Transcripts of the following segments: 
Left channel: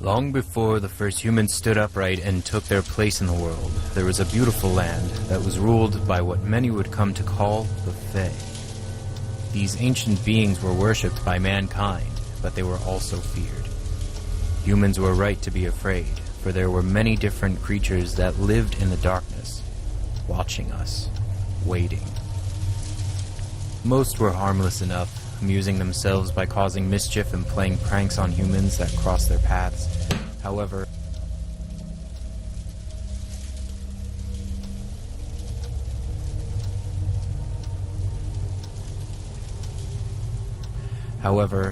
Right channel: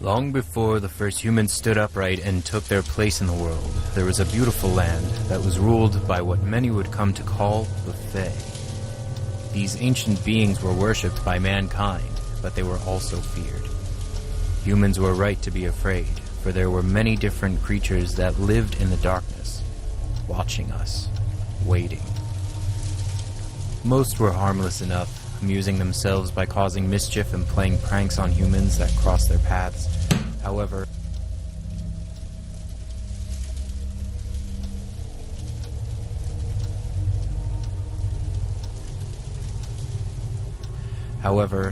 Long before the first humans stood upright and took their place in the world, there was a beautiful land that was ruled by what many would come to call the Fae. These ancient beings were worshipped by mankind, but they were also feared. Humans were right to be afraid, for there were many different creatures that lived in the darkness, watching us, waiting. Most were harmless enough, amusing themselves by causing mischief and playing pranks on humans that crossed their paths. However,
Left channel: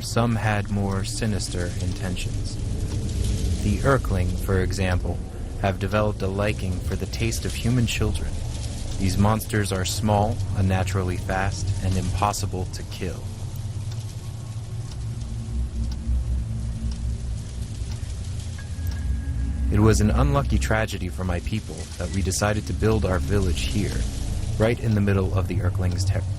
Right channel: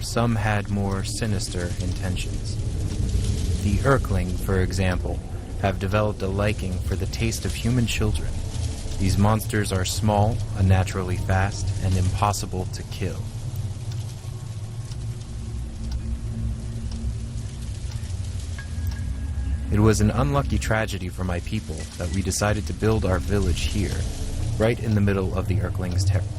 some had more sinister intentions. The Urkling, for example, have developed a liking for the taste of human children. These monsters are small, unnaturally fast, and impossible to kill. It was an unlucky tragedy for my people that we decided to build our village here, right in the middle of the Urkling's territory.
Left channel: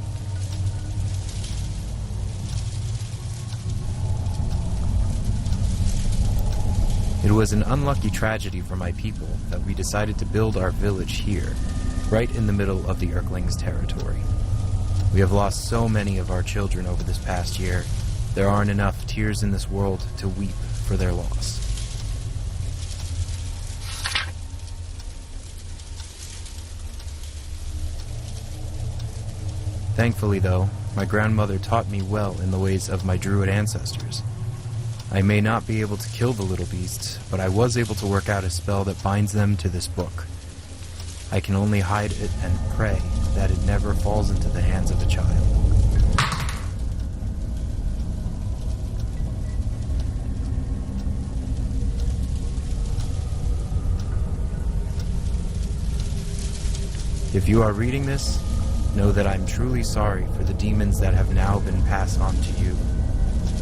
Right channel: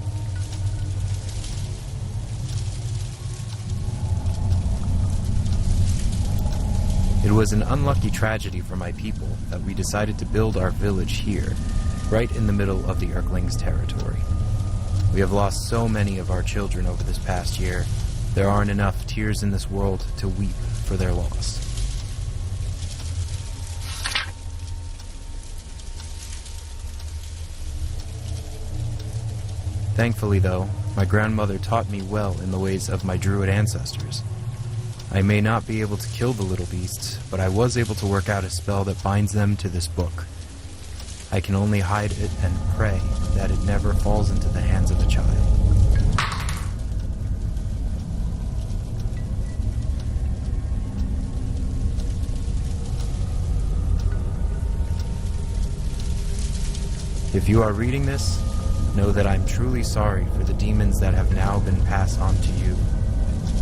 It was an unlucky tragedy for my people that we decided to build our village here, right in the middle of the Urkling's territory. We have lost so many of our children over this past year, there aren't enough tears in this world to weep for their loss. Thankfully, though, my grandmother taught me well in the ways of my druid ancestors. I may not be able to kill the little beasts, but I was able to work out a spell that binds them to this book. I can only hide it and pray that it never falls into the hands of a child. If you are reading this, know that I'm truly sorry for the demons that have now been passed on to you.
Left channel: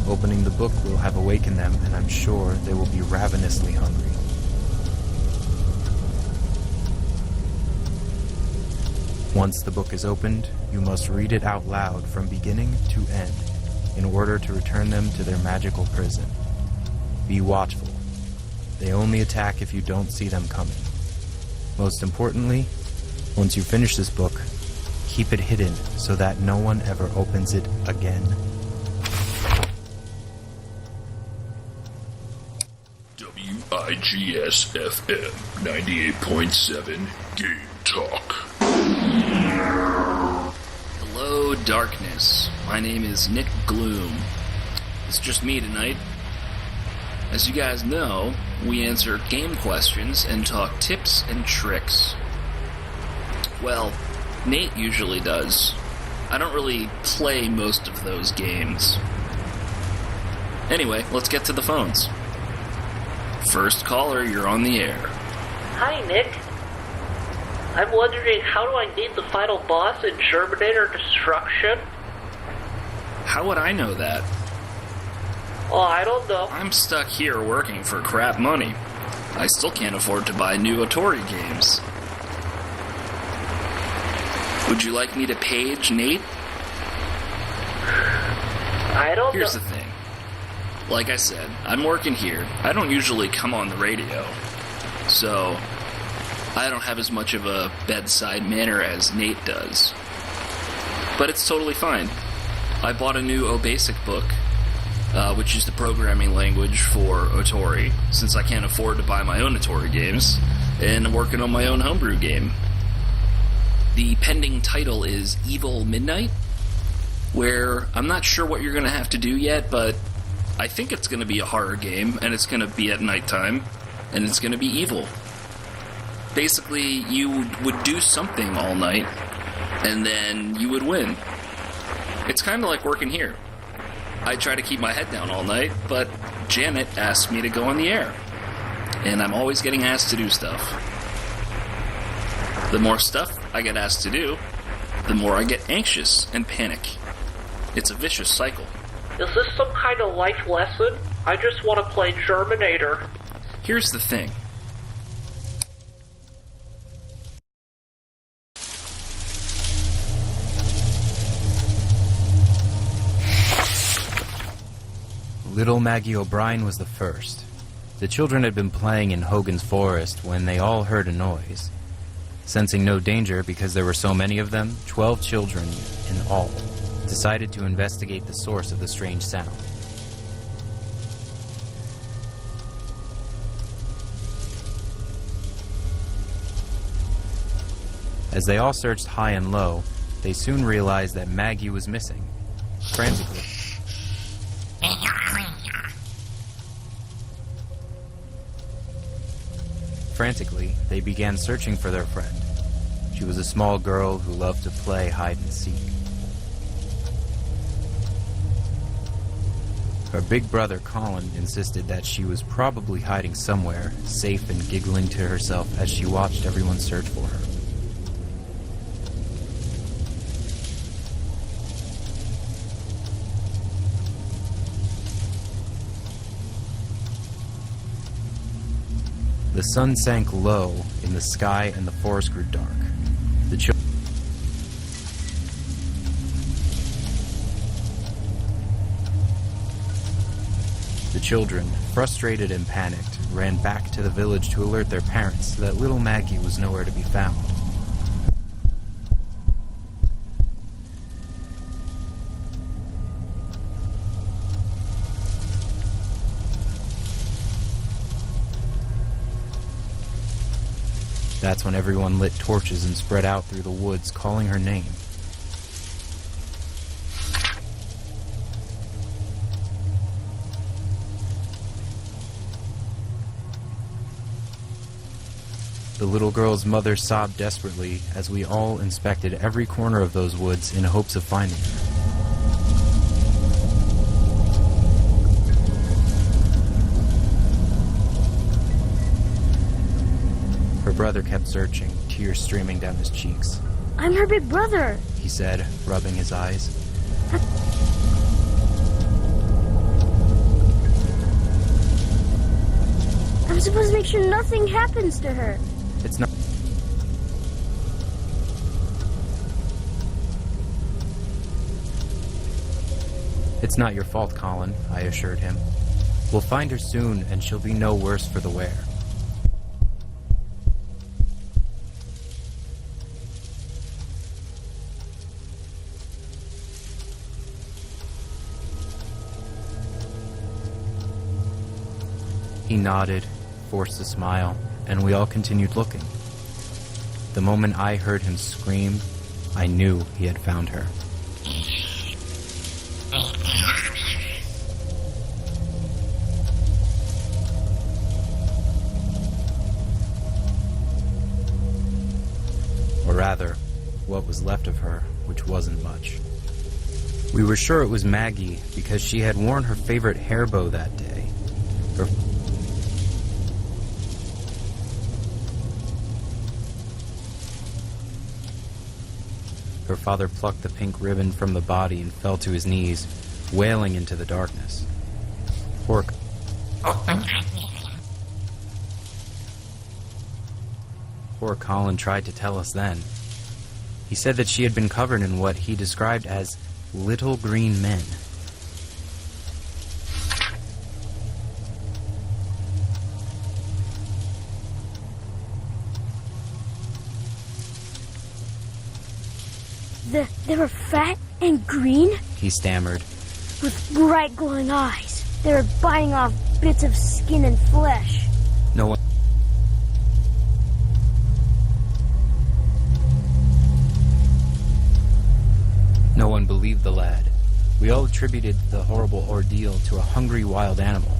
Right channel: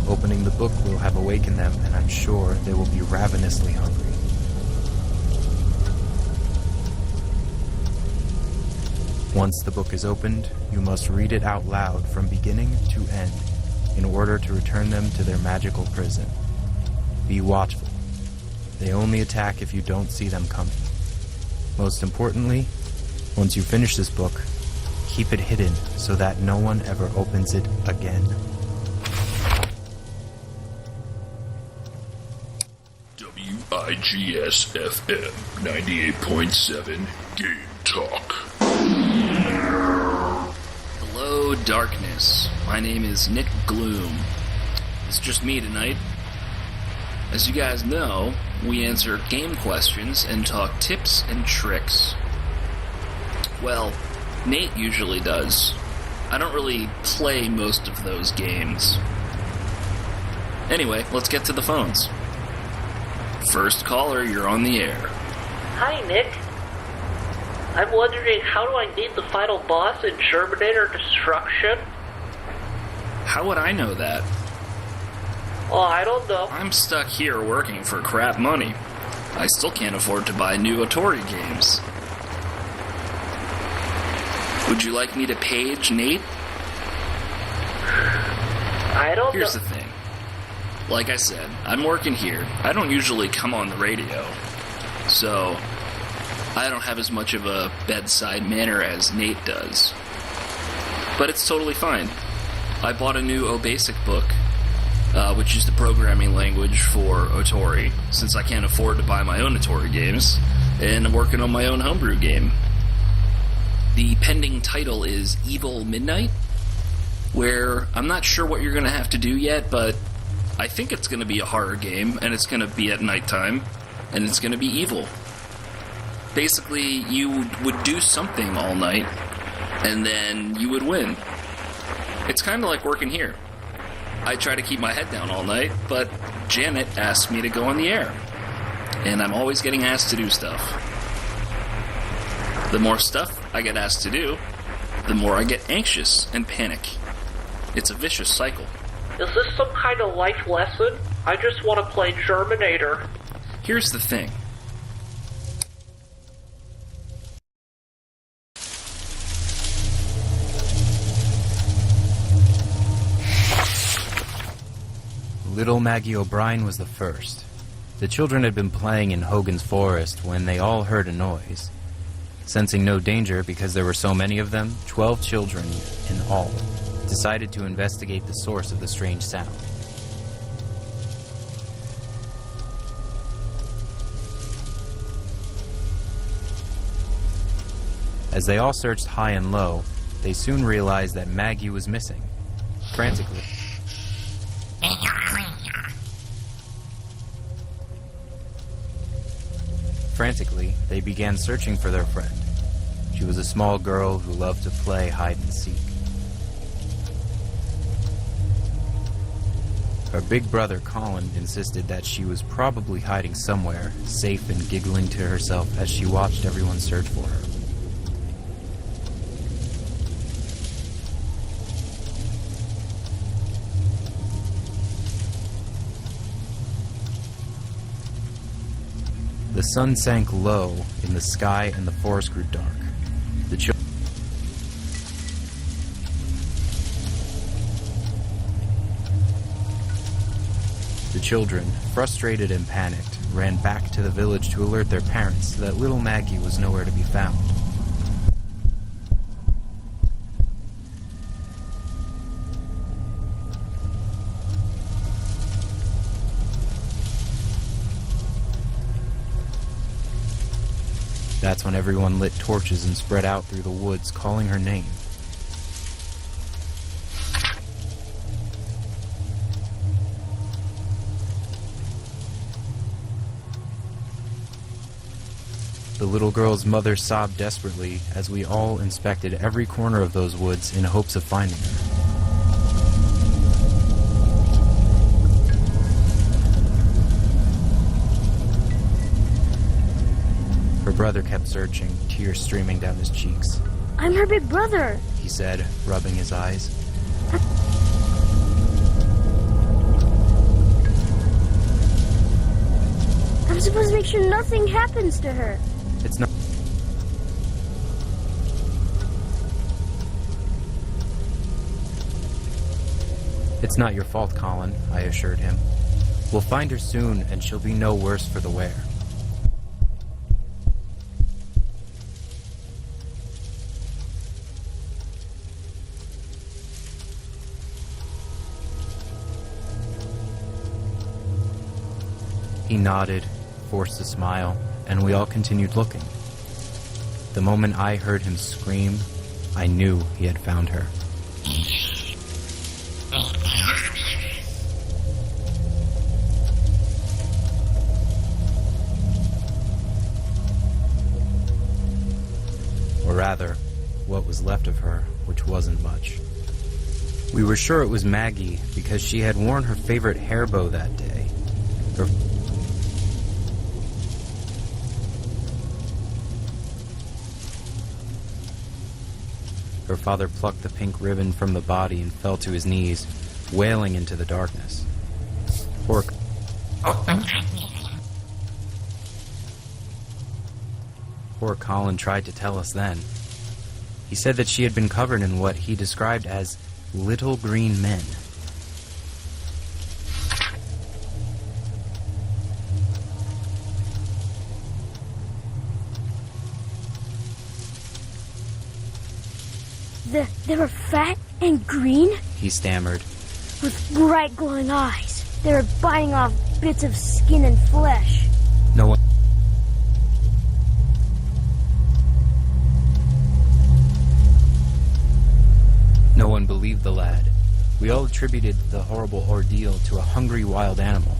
Opening the book will have awakened them, and I'm sure they will be ravenously hungry. Once the book is opened, you must read it out loud from beginning to end in order to return them to their magical prison. Be watchful. They only attack if you don't see them coming. Most importantly, once you finish this book, keep it hidden so that no one ever opens it again. WIGS-FM 98.7 Game Talk. Hello, darkness. My name is Nick Gloom. It's just me tonight. As you guys know, we answer game questions and talk tips and tricks. Well, Nate usually does. I don't really play most of those games. Anyway, let's get to the phones. First caller, you're on the air. Hi, Nick. I'm wondering, how do I beat the final boss in Terminator Destruction? How would I know that? Oh, I don't know. I'm stuck here working for crap money. I still can't afford to buy new Atari games. Would you like me to page Nate? I don't know. Here's the thing. Like I said, I'm working here. I don't usually come on the radio. So, I don't have as much of a bedside manner as Nate does. But it's totally fine. I bought a new OBasic book, which is the programming language for Atari, since I can't afford to buy my own Atari games, and I'm working on my own homebrew game. The pending title is Evil Midnight, where I'm not sure what you're going to have to do yet, but I think it's going to be a horror game, and it's going to be at nighttime, and it's going to be evil. Basically, you would do something all night, and then you would win. It's kind of like working here. I try to keep my head down all night, but Janet asked me to go on the air, and I'm always getting asked to do stuff. The more stuff I get asked to do, the more I get anxious and panic. It's a vicious cycle. Is this some kind of life lesson? I just want to play Terminator. Here's the thing. Little Maggie O'Brien was the first. The children had been playing in Hogan's Forest when they all heard a noise. Sensing no danger because there were so many of them, 12 children in all decided to investigate the source of the strange sound. As they all searched high and low, they soon realized that Maggie was missing. Frantically, they began searching for their friend. She was a small girl who loved to play hide and seek. Her big brother Colin insisted that she was probably hiding somewhere, safe and giggling to herself as she watched everyone search for her. The sun sank low in the sky and the forest grew dark. The children, frustrated and panicked, ran back to the village to alert their parents that little Maggie was nowhere to be found. That's when everyone lit torches and spread out through the woods, calling her name. The little girl's mother sobbed desperately as we all inspected every corner of those woods in hopes of finding her. Her brother kept searching, tears streaming down his cheeks. I'm her big brother, he said, rubbing his eyes. I'm supposed to make sure nothing happens to her. It's not. It's not your fault, Colin, I assured him. We'll find her soon, and she'll be no worse for the wear. He nodded, forced a smile, and we all continued looking. The moment I heard him scream, I knew he had found her. Or rather, what was left of her, which wasn't much. We were sure it was Maggie because she had worn her favorite hair bow that day. Her father plucked the pink ribbon from the body and fell to his knees, wailing into the darkness. Poor Colin tried to tell us then. He said that she had been covered in what he described as little green men. They were fat and green? He stammered. With bright glowing eyes. They were biting off bits of skin and flesh. No one believed the lad. We all attributed the horrible ordeal to a hungry wild animal.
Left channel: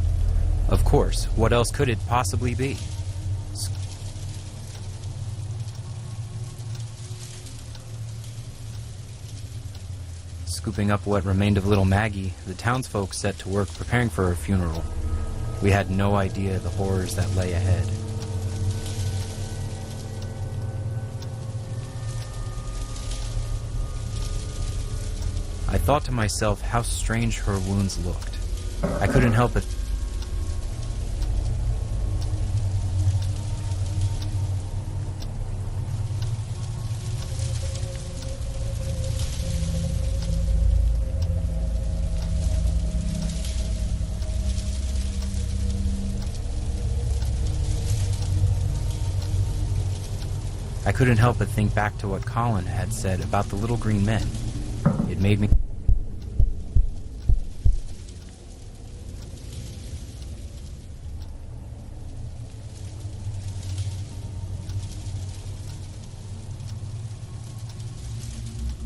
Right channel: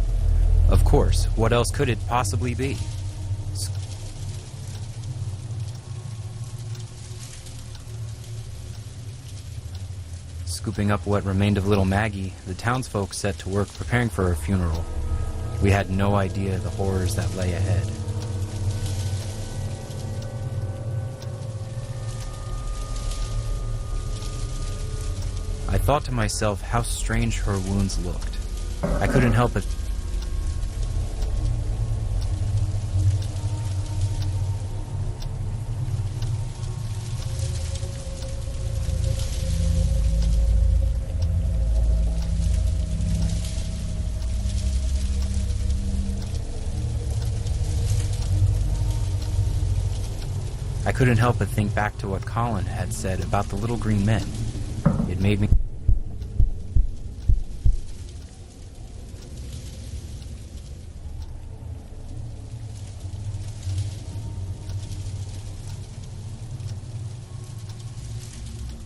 Of course, what else could it possibly be? Scooping up what remained of little Maggie, the townsfolk set to work preparing for her funeral. We had no idea the horrors that lay ahead. I thought to myself how strange her wounds looked. I couldn't help but I couldn't help but think back to what Colin had said about the little green men. It made me...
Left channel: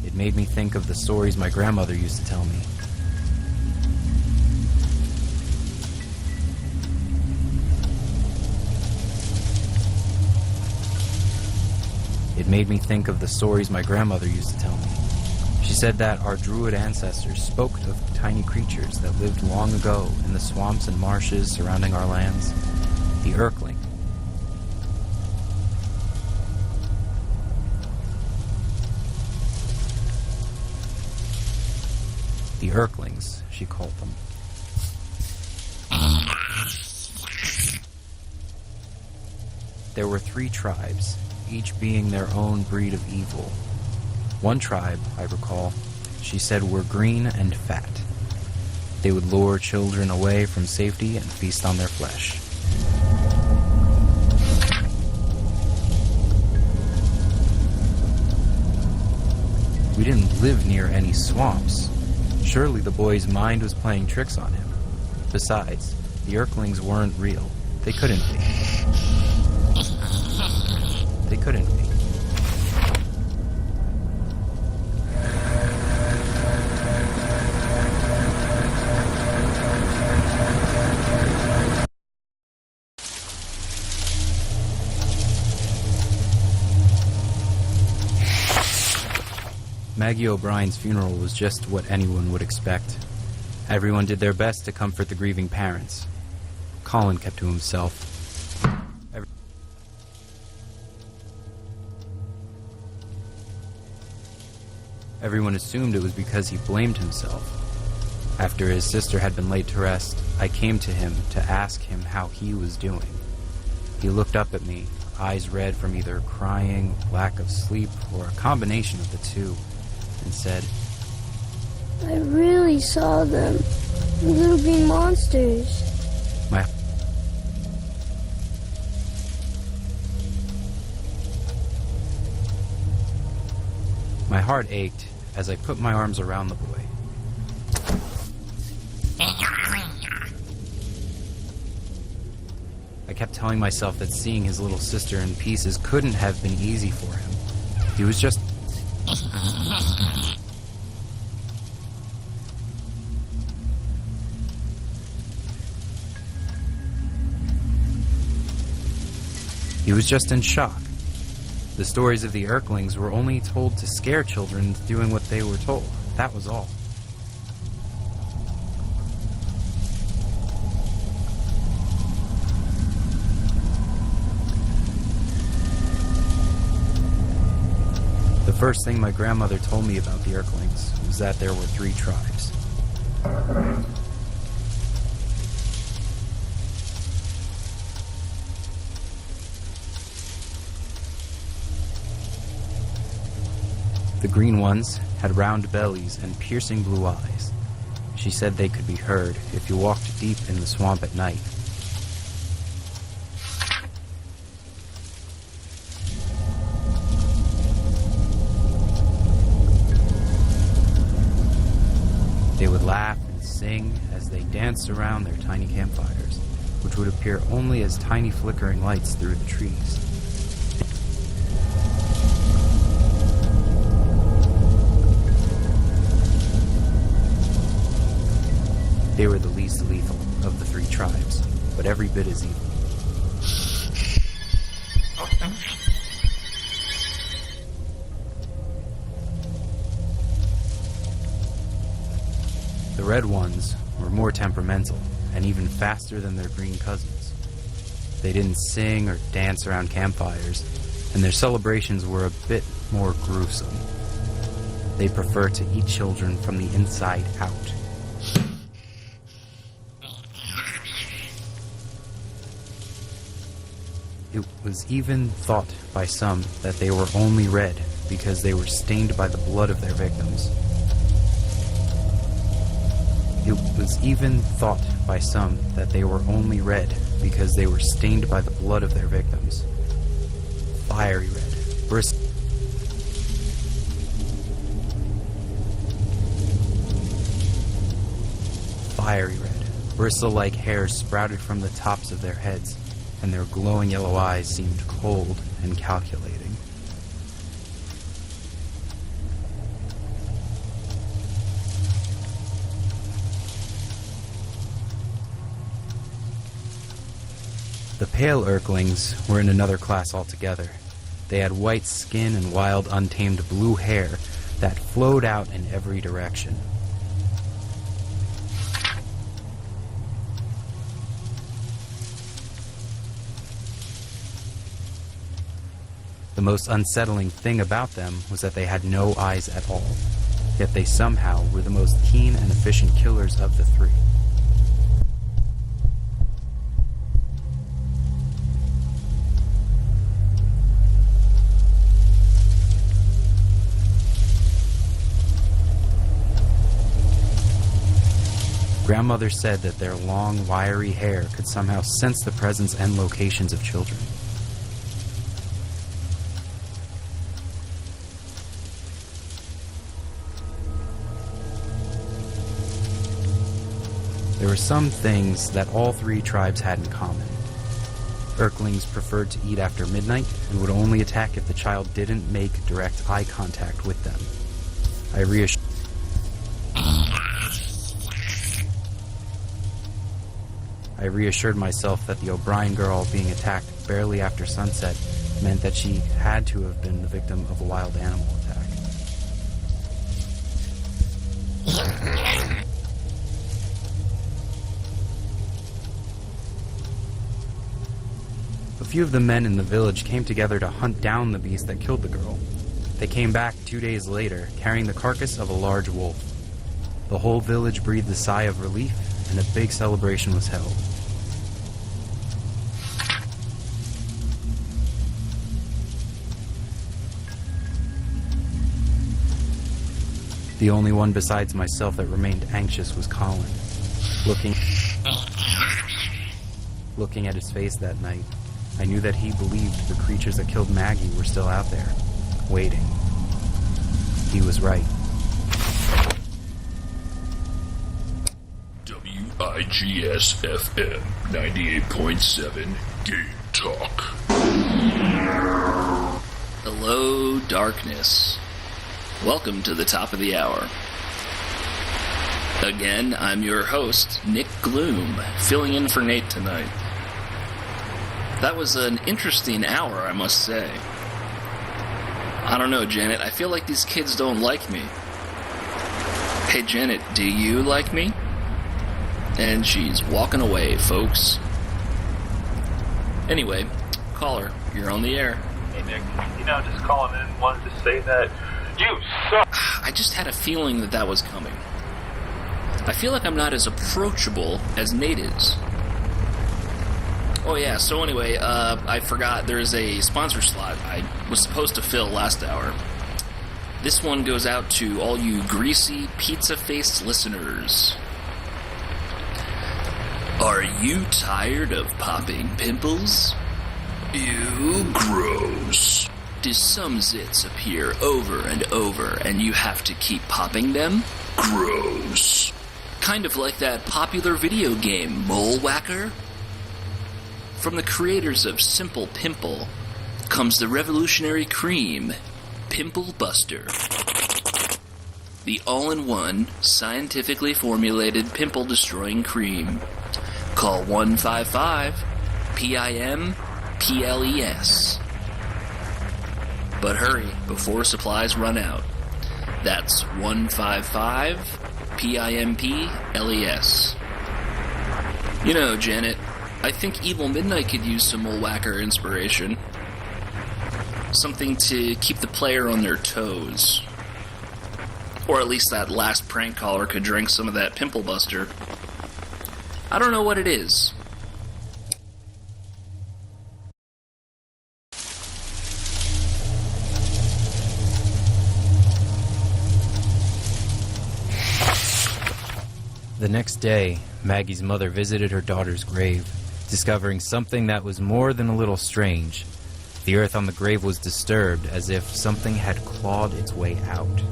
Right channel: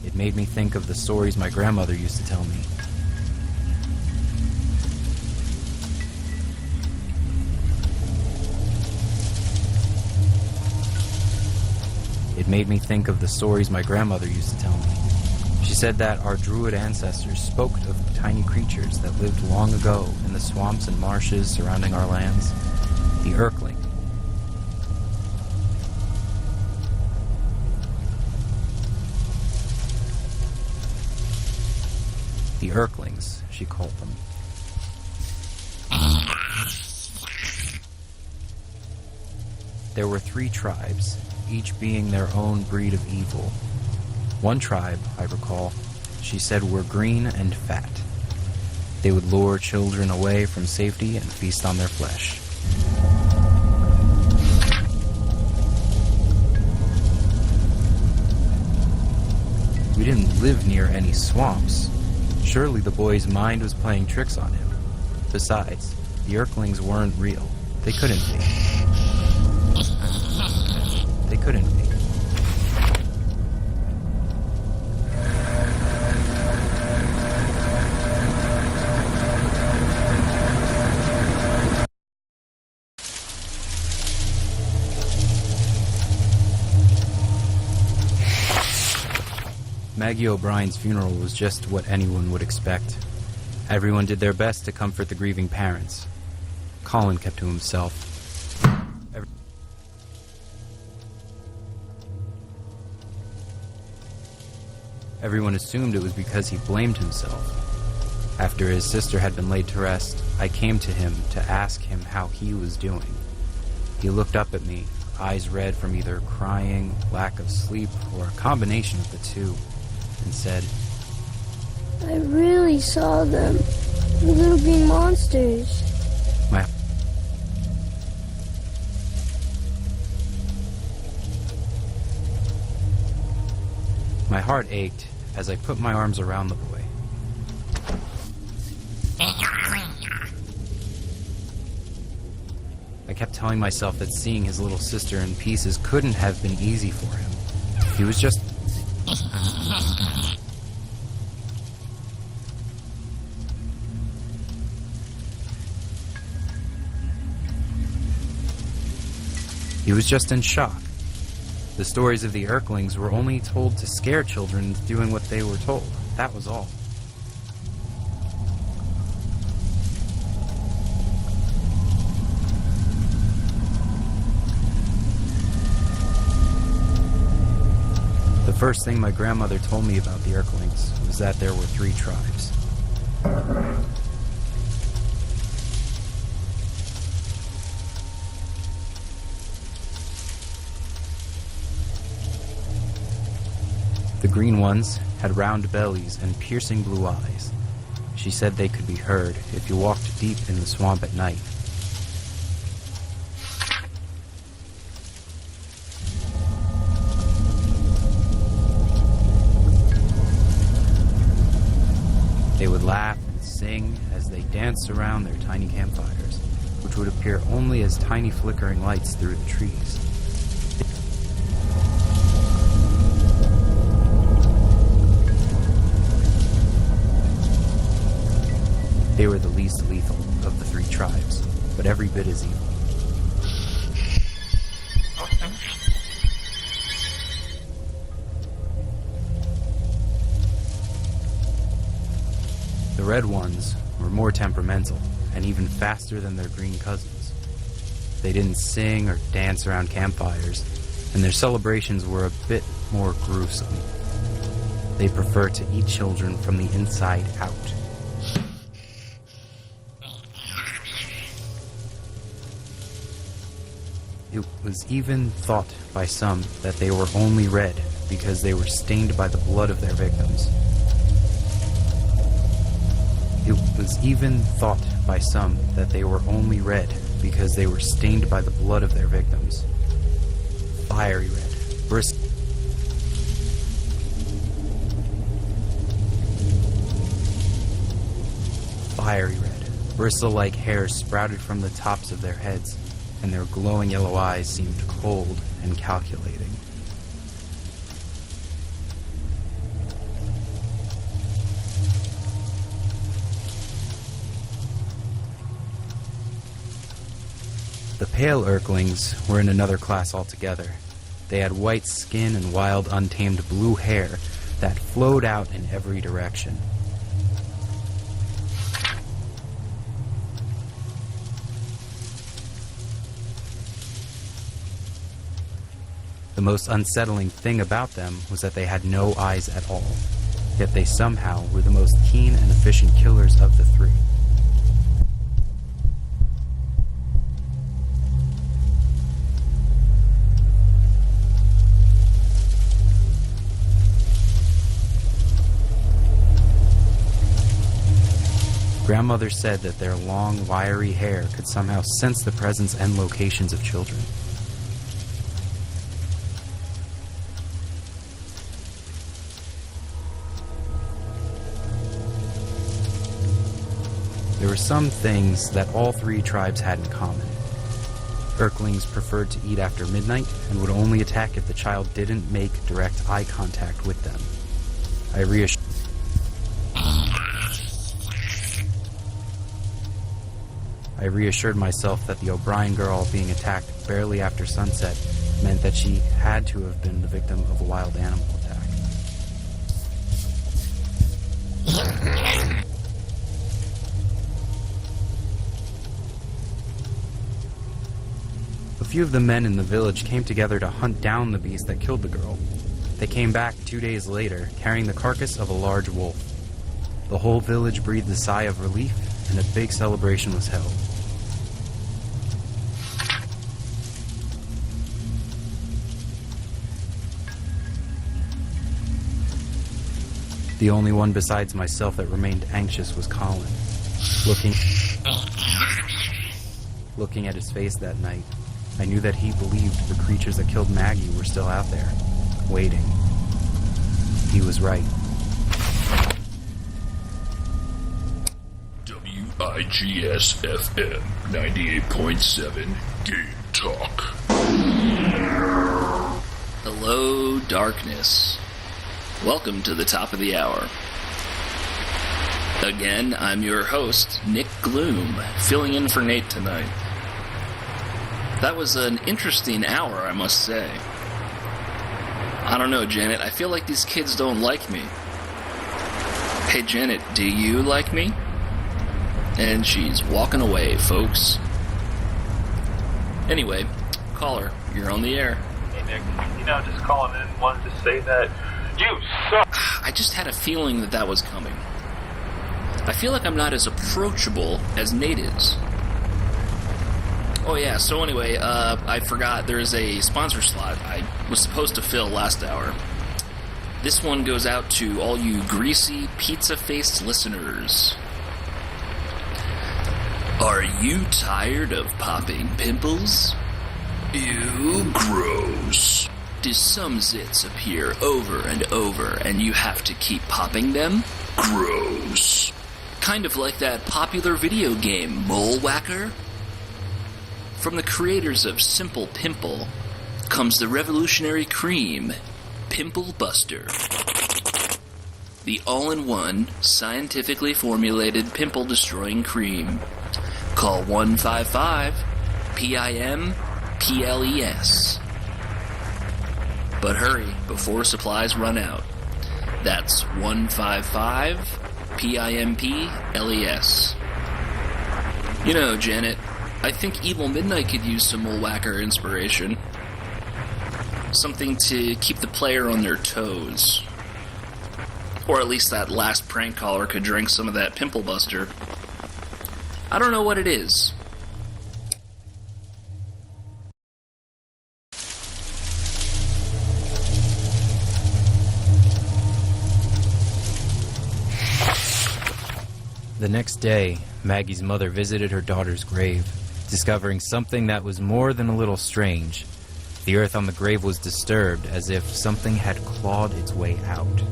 It made me think of the stories my grandmother used to tell me. It made me think of the stories my grandmother used to tell me. She said that our druid ancestors spoke of tiny creatures that lived long ago in the swamps and marshes surrounding our lands. The Erkling. The Erklings, she called them. There were 3 tribes, each being their own breed of evil. One tribe, I recall, she said were green and fat. They would lure children away from safety and feast on their flesh. We didn't live near any swamps. Surely the boy's mind was playing tricks on him. Besides, the Erklings weren't real. They couldn't be. They couldn't be. Maggie O'Brien's funeral was just what anyone would expect. Everyone did their best to comfort the grieving parents. Colin kept to himself. Everyone assumed it was because he blamed himself. After his sister had been laid to rest, I came to him to ask him how he was doing. He looked up at me, eyes red from either crying, lack of sleep, or a combination of the two, and said, I really saw them. The little green monsters. My heart ached as I put my arms around the boy. I kept telling myself that seeing his little sister in pieces couldn't have been easy for him. He was just... He was just in shock. The stories of the Erklings were only told to scare children into doing what they were told. That was all. The first thing my grandmother told me about the Erklings was that there were 3 tribes. The green ones had round bellies and piercing blue eyes. She said they could be heard if you walked deep in the swamp at night. They would laugh and sing as they danced around their tiny campfires, which would appear only as tiny flickering lights through the trees. They were the least lethal of the 3 tribes, but every bit as evil. The red ones were more temperamental and even faster than their green cousins. They didn't sing or dance around campfires, and their celebrations were a bit more gruesome. They prefer to eat children from the inside out. It was even thought by some that they were only red because they were stained by the blood of their victims. It was even thought by some that they were only red because they were stained by the blood of their victims. Fiery red, Fiery red, bristle-like hairs sprouted from the tops of their heads, and their glowing yellow eyes seemed cold and calculating. The pale Urklings were in another class altogether. They had white skin and wild, untamed blue hair that flowed out in every direction. The most unsettling thing about them was that they had no eyes at all, yet they somehow were the most keen and efficient killers of the three. Grandmother said that their long, wiry hair could somehow sense the presence and locations of children. There were some things that all three tribes had in common. Urklings preferred to eat after midnight and would only attack if the child didn't make direct eye contact with them. I reassured myself that the O'Brien girl being attacked barely after sunset meant that she had to have been the victim of a wild animal attack. A few of the men in the village came together to hunt down the beast that killed the girl. They came back 2 days later, carrying the carcass of a large wolf. The whole village breathed a sigh of relief, and a big celebration was held. The only one besides myself that remained anxious was Colin. Looking at his face that night, I knew that he believed the creatures that killed Maggie were still out there, waiting. He was right. WIGS-FM 98.7 Game Talk. Hello, darkness. Welcome to the top of the hour. Again, I'm your host, Nick Gloom, filling in for Nate tonight. That was an interesting hour, I must say. I don't know, Janet, I feel like these kids don't like me. Hey, Janet, do you like me? And she's walking away, folks. Anyway, caller, you're on the air. Hey, Nick, just calling in, wanted to say that you suck. I just had a feeling that was coming. I feel like I'm not as approachable as Nate is. Oh yeah, so anyway, I forgot there's a sponsor slot I was supposed to fill last hour. This one goes out to all you greasy, pizza-faced listeners. Are you tired of popping pimples? Ew, gross. Do some zits appear over and over and you have to keep popping them? Gross. Kind of like that popular video game, Mole Whacker? From the creators of Simple Pimple comes the revolutionary cream, Pimple Buster. The all-in-one, scientifically formulated pimple-destroying cream. Call 155-PIM-PLES. But hurry before supplies run out. That's 155-PIMPLES. You know, Janet, I think Evil Midnight could use some Mole Whacker inspiration. Something to keep the player on their toes. Or at least that last prank caller could drink some of that Pimple Buster. I don't know what it is. The next day, Maggie's mother visited her daughter's grave, discovering something that was more than a little strange. The earth on the grave was disturbed, as if something had clawed its way out.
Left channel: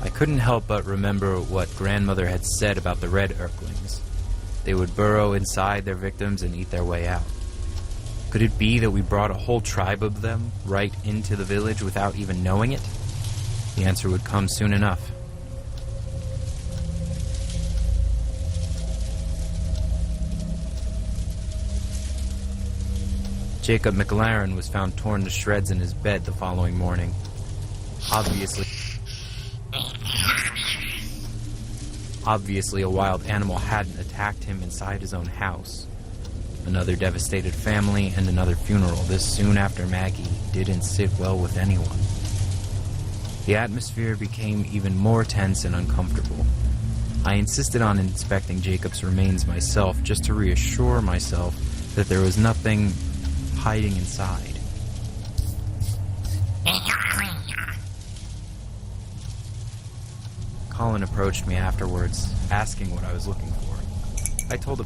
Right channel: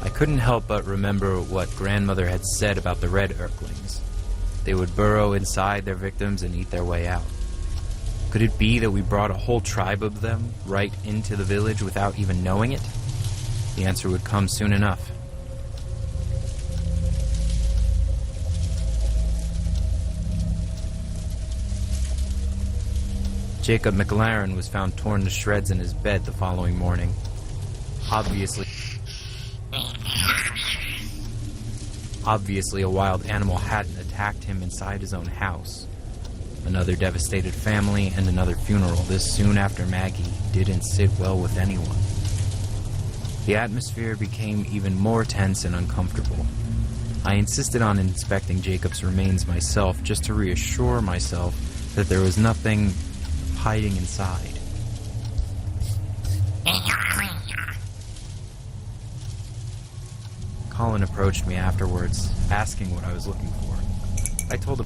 I couldn't help but remember what grandmother had said about the red Urklings. They would burrow inside their victims and eat their way out. Could it be that we brought a whole tribe of them right into the village without even knowing it? The answer would come soon enough. Jacob McLaren was found torn to shreds in his bed the following morning. Obviously, a wild animal hadn't attacked him inside his own house. Another devastated family and another funeral this soon after Maggie didn't sit well with anyone. The atmosphere became even more tense and uncomfortable. I insisted on inspecting Jacob's remains myself just to reassure myself that there was nothing hiding inside. Colin approached me afterwards, asking what I was looking for. I told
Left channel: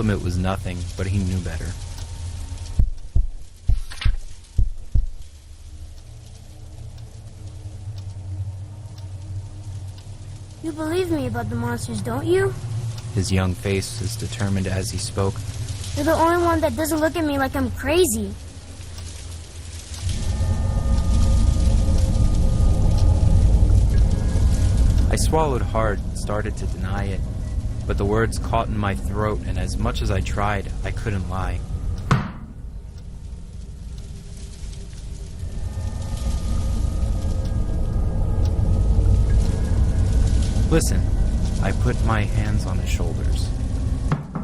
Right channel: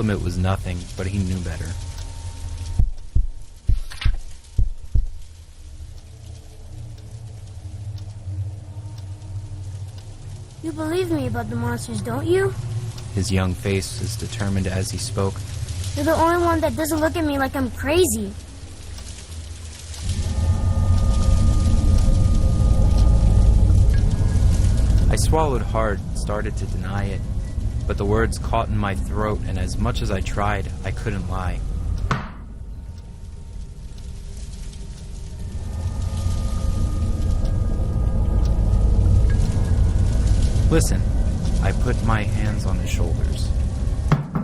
him it was nothing, but he knew better. You believe me about the monsters, don't you? His young face was determined as he spoke. You're the only one that doesn't look at me like I'm crazy. I swallowed hard, started to deny it, but the words caught in my throat, and as much as I tried, I couldn't lie. Listen, I put my hands on his shoulders.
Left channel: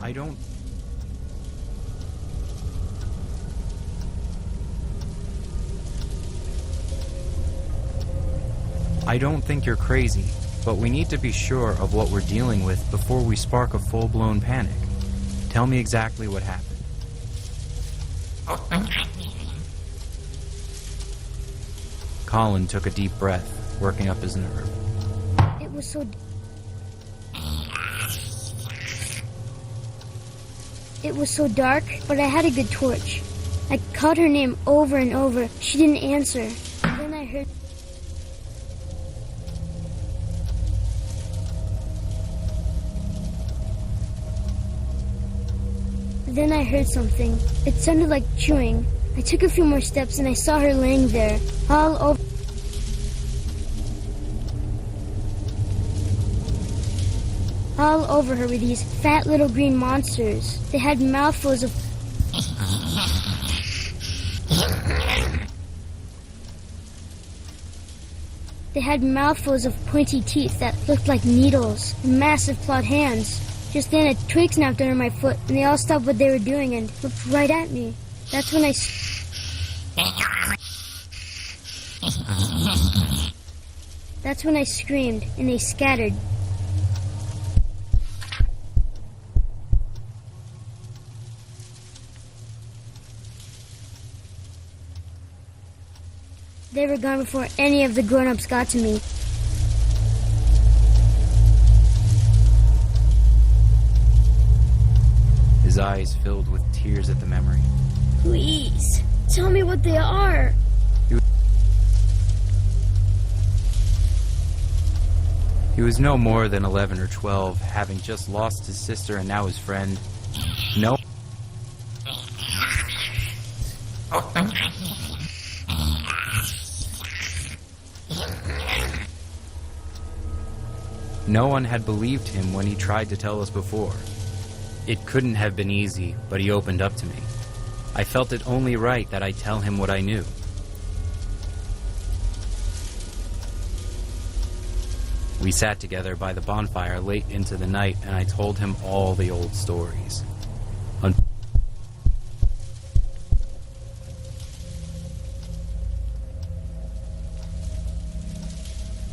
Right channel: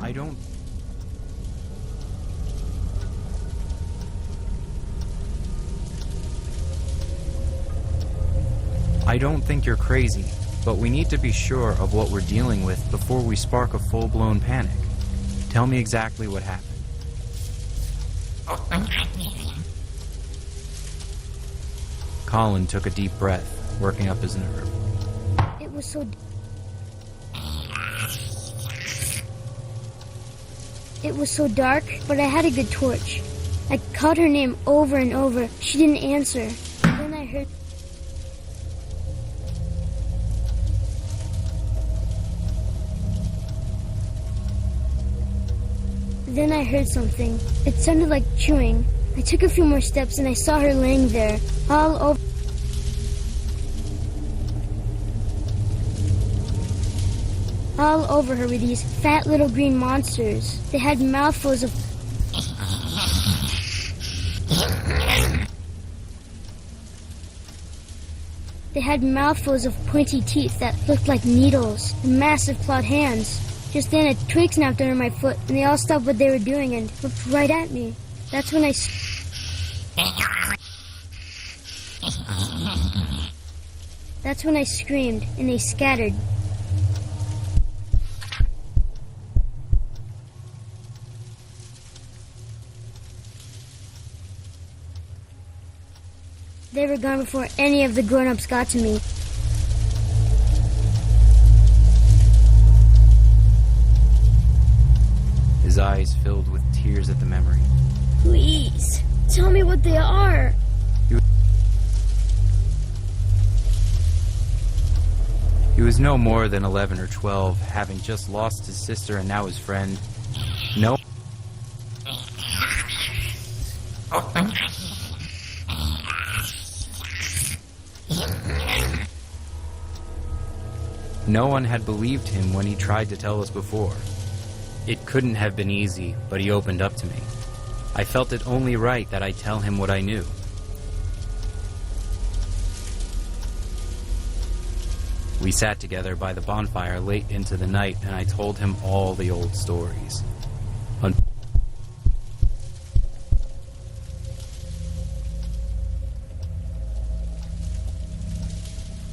I don't think you're crazy, but we need to be sure of what we're dealing with before we spark a full-blown panic. Tell me exactly what happened. Colin took a deep breath, working up his nerve. It was so... It was so dark, but I had a good torch. I called her name over and over. She didn't answer. Then I heard... Then I heard something. It sounded like chewing. I took a few more steps and I saw her laying there, all over... All over her were these fat little green monsters. They had mouthfuls of... They had mouthfuls of pointy teeth that looked like needles, and massive clawed hands. Just then a twig snapped under my foot, and they all stopped what they were doing and looked right at me. That's when I screamed, and they scattered. They were gone before any of the grown-ups got to me. His eyes filled with tears at the memory. Please, tell me what they are. He was no more than 11 or 12, having just lost his sister and now his friend. No one had believed him when he tried to tell us before. It couldn't have been easy, but he opened up to me. I felt it only right that I tell him what I knew. We sat together by the bonfire late into the night, and I told him all the old stories.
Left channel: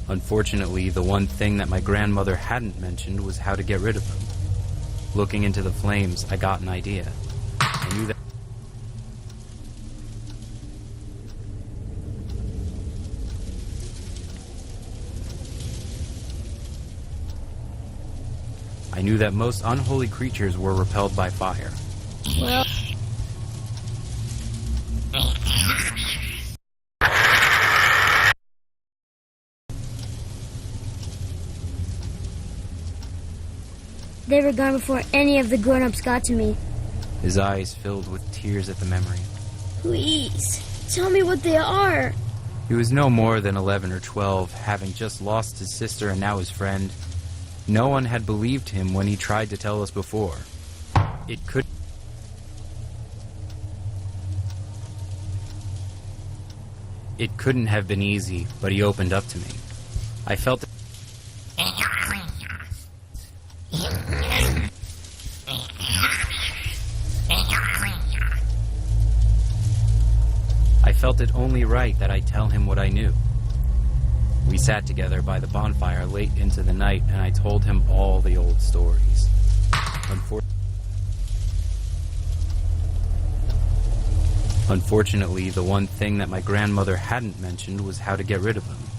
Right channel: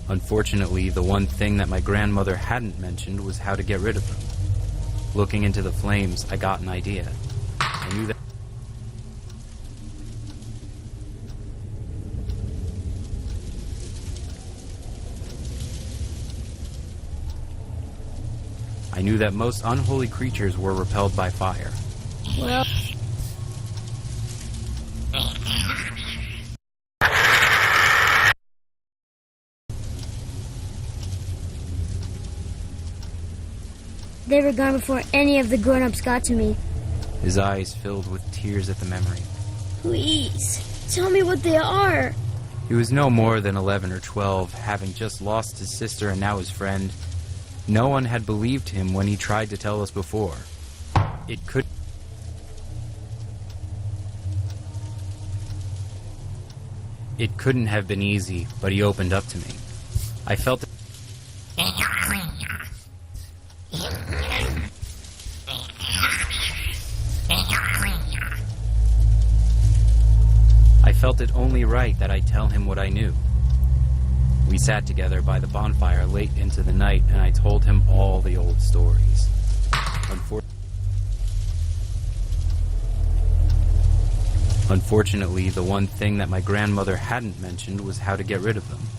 Unfortunately, the one thing that my grandmother hadn't mentioned was how to get rid of them. Looking into the flames, I got an idea. I knew that I knew that most unholy creatures were repelled by fire. Well, they were gone before any of the grown-ups got to me. His eyes filled with tears at the memory. Please, tell me what they are. He was no more than 11 or 12, having just lost his sister and now his friend. No one had believed him when he tried to tell us before. It couldn't have been easy, but he opened up to me. I felt it only right that I tell him what I knew. We sat together by the bonfire late into the night, and I told him all the old stories. Unfortunately, the one thing that my grandmother hadn't mentioned was how to get rid of them.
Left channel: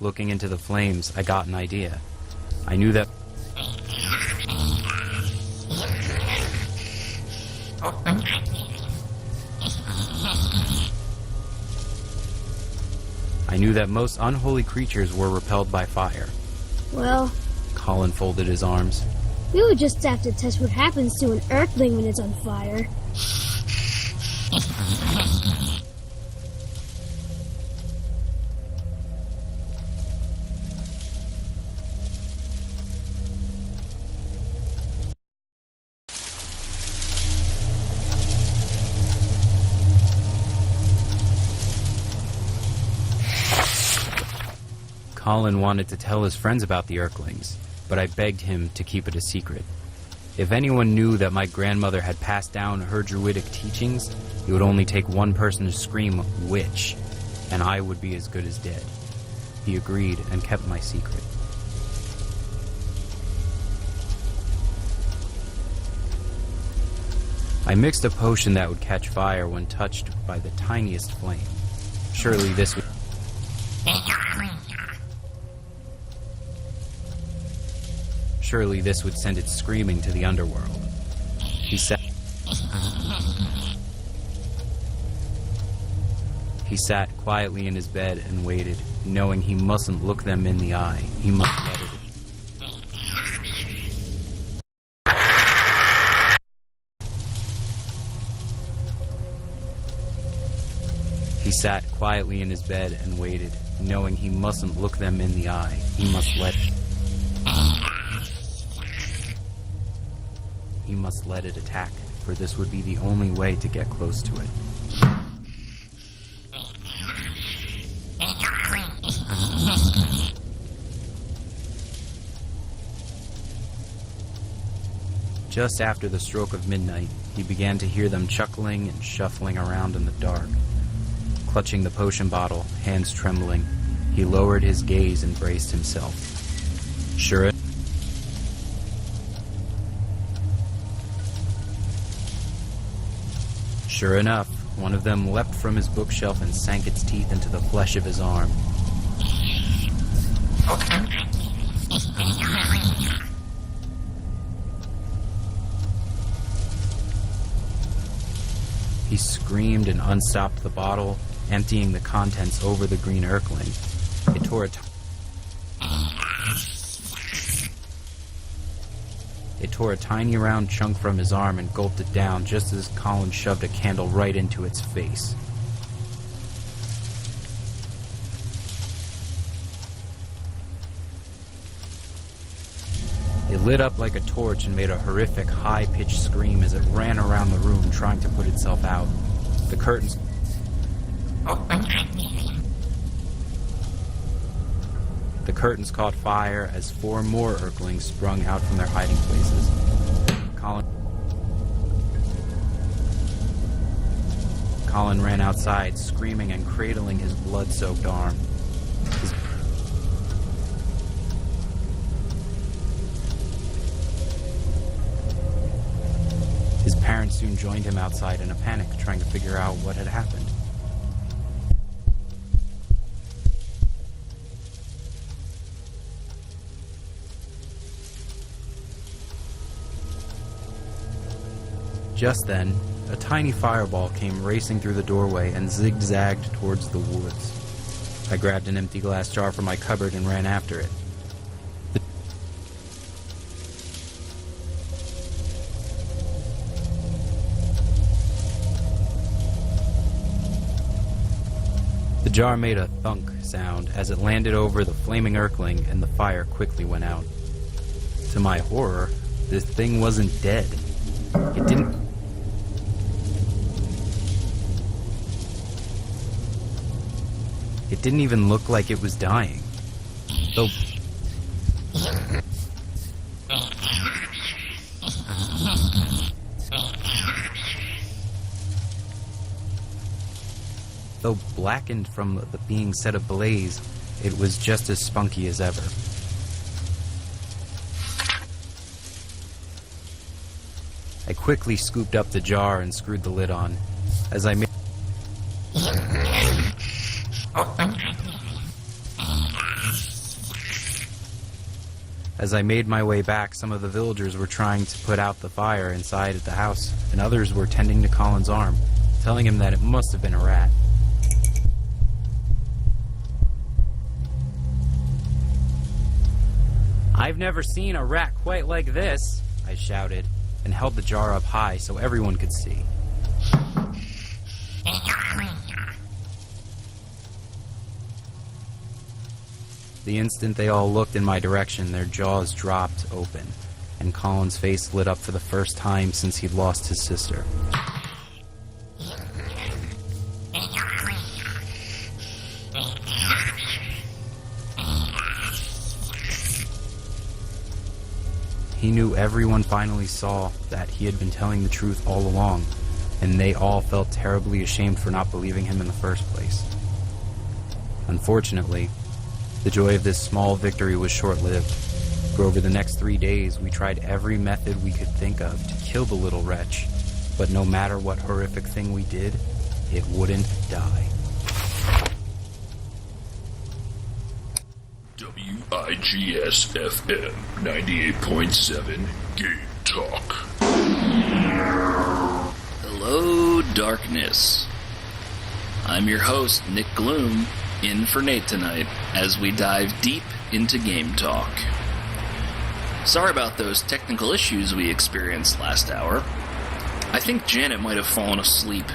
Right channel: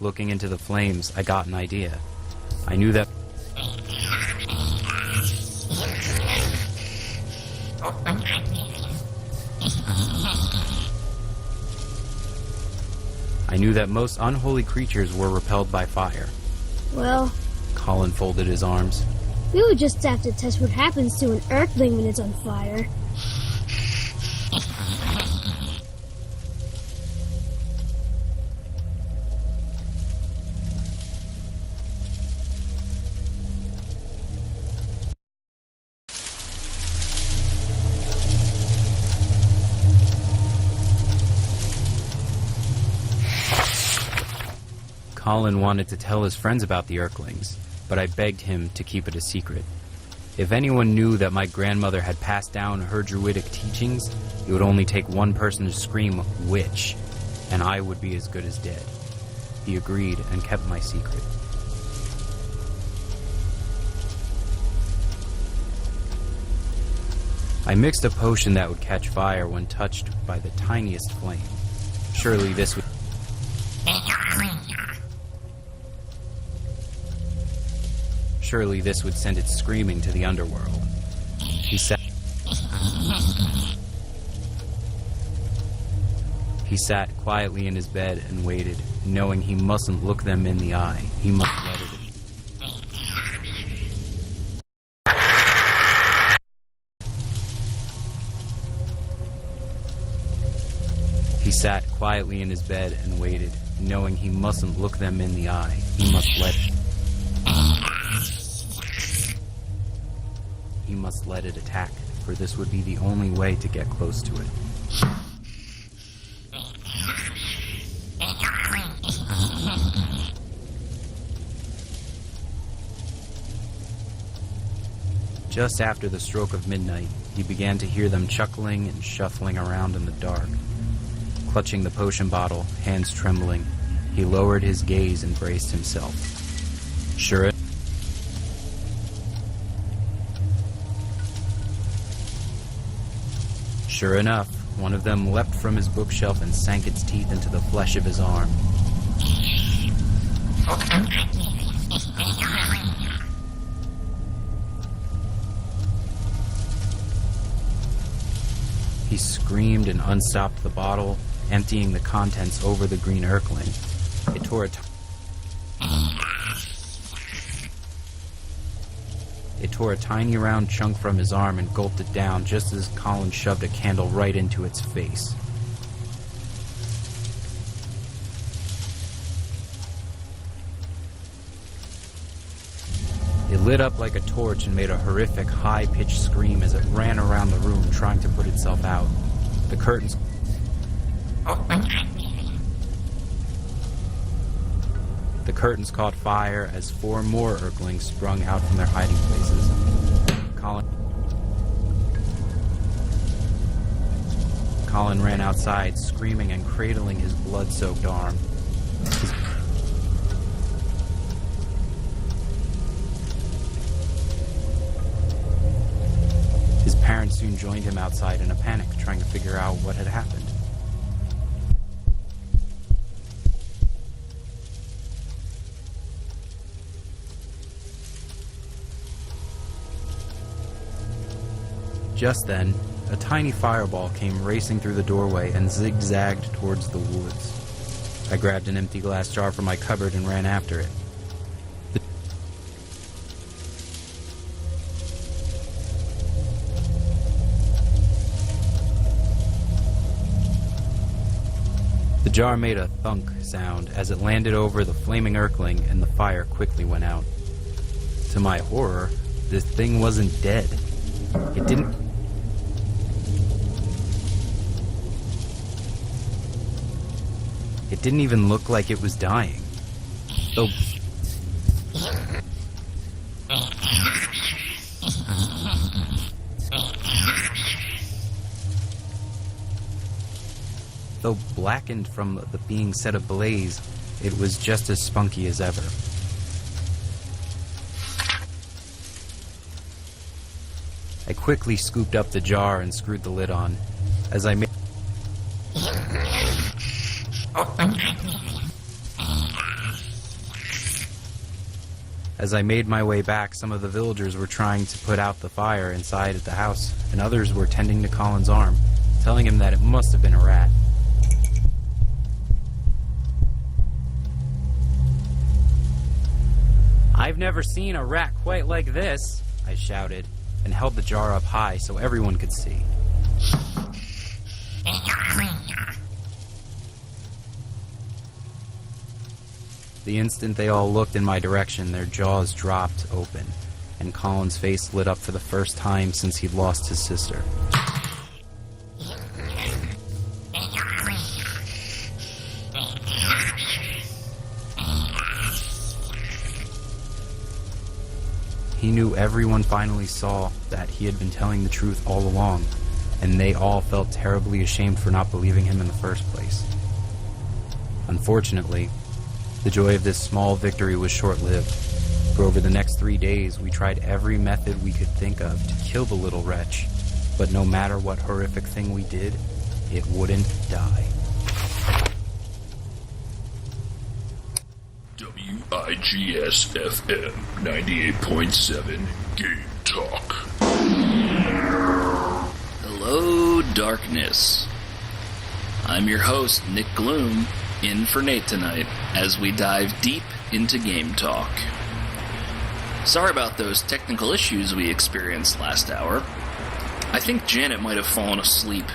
Looking into the flames, I got an idea. I knew that most unholy creatures were repelled by fire. Well, Colin folded his arms. we would just have to test what happens to an earthling when it's on fire. Colin wanted to tell his friends about the Erklings, but I begged him to keep it a secret. If anyone knew that my grandmother had passed down her druidic teachings, it would only take one person to scream, "Witch," and I would be as good as dead. He agreed and kept my secret. I mixed a potion that would catch fire when touched by the tiniest flame. Surely this would send it screaming to the underworld. He sat quietly in his bed and waited, knowing he mustn't look them in the eye. He must let it. He sat quietly in his bed and waited, knowing he mustn't look them in the eye. He must let it attack, for this would be the only way to get close to it. Just after the stroke of midnight, he began to hear them chuckling and shuffling around in the dark. Clutching the potion bottle, hands trembling, he lowered his gaze and braced himself. Sure enough, one of them leapt from his bookshelf and sank its teeth into the flesh of his arm. He screamed and unstopped the bottle, emptying the contents over the green Erkling. It tore a tiny round chunk from his arm and gulped it down just as Colin shoved a candle right into its face. It lit up like a torch and made a horrific, high-pitched scream as it ran around the room trying to put itself out. The curtains caught fire as 4 more Erklings sprung out from their hiding places. Colin ran outside, screaming and cradling his blood-soaked arm. His parents soon joined him outside in a panic, trying to figure out what had happened. Just then, a tiny fireball came racing through the doorway and zigzagged towards the woods. I grabbed an empty glass jar from my cupboard and ran after it. The jar made a thunk sound as it landed over the flaming Urkling, and the fire quickly went out. To my horror, this thing wasn't dead. It didn't even look like it was dying. Though blackened from the being set ablaze, it was just as spunky as ever. I quickly scooped up the jar and screwed the lid on. As I made my way back, some of the villagers were trying to put out the fire inside at the house, and others were tending to Colin's arm, telling him that it must have been a rat. "I've never seen a rat quite like this," I shouted, and held the jar up high so everyone could see. The instant they all looked in my direction, their jaws dropped open, and Colin's face lit up for the first time since he'd lost his sister. He knew everyone finally saw that he had been telling the truth all along, and they all felt terribly ashamed for not believing him in the first place. Unfortunately, the joy of this small victory was short-lived. For over the next 3 days, we tried every method we could think of to kill the little wretch, but no matter what horrific thing we did, it wouldn't die. WIGS-FM 98.7 Game Talk. Hello, darkness. I'm your host, Nick Gloom, in for Nate tonight, as we dive deep into Game Talk. Sorry about those technical issues we experienced last hour. I think Janet might have fallen asleep.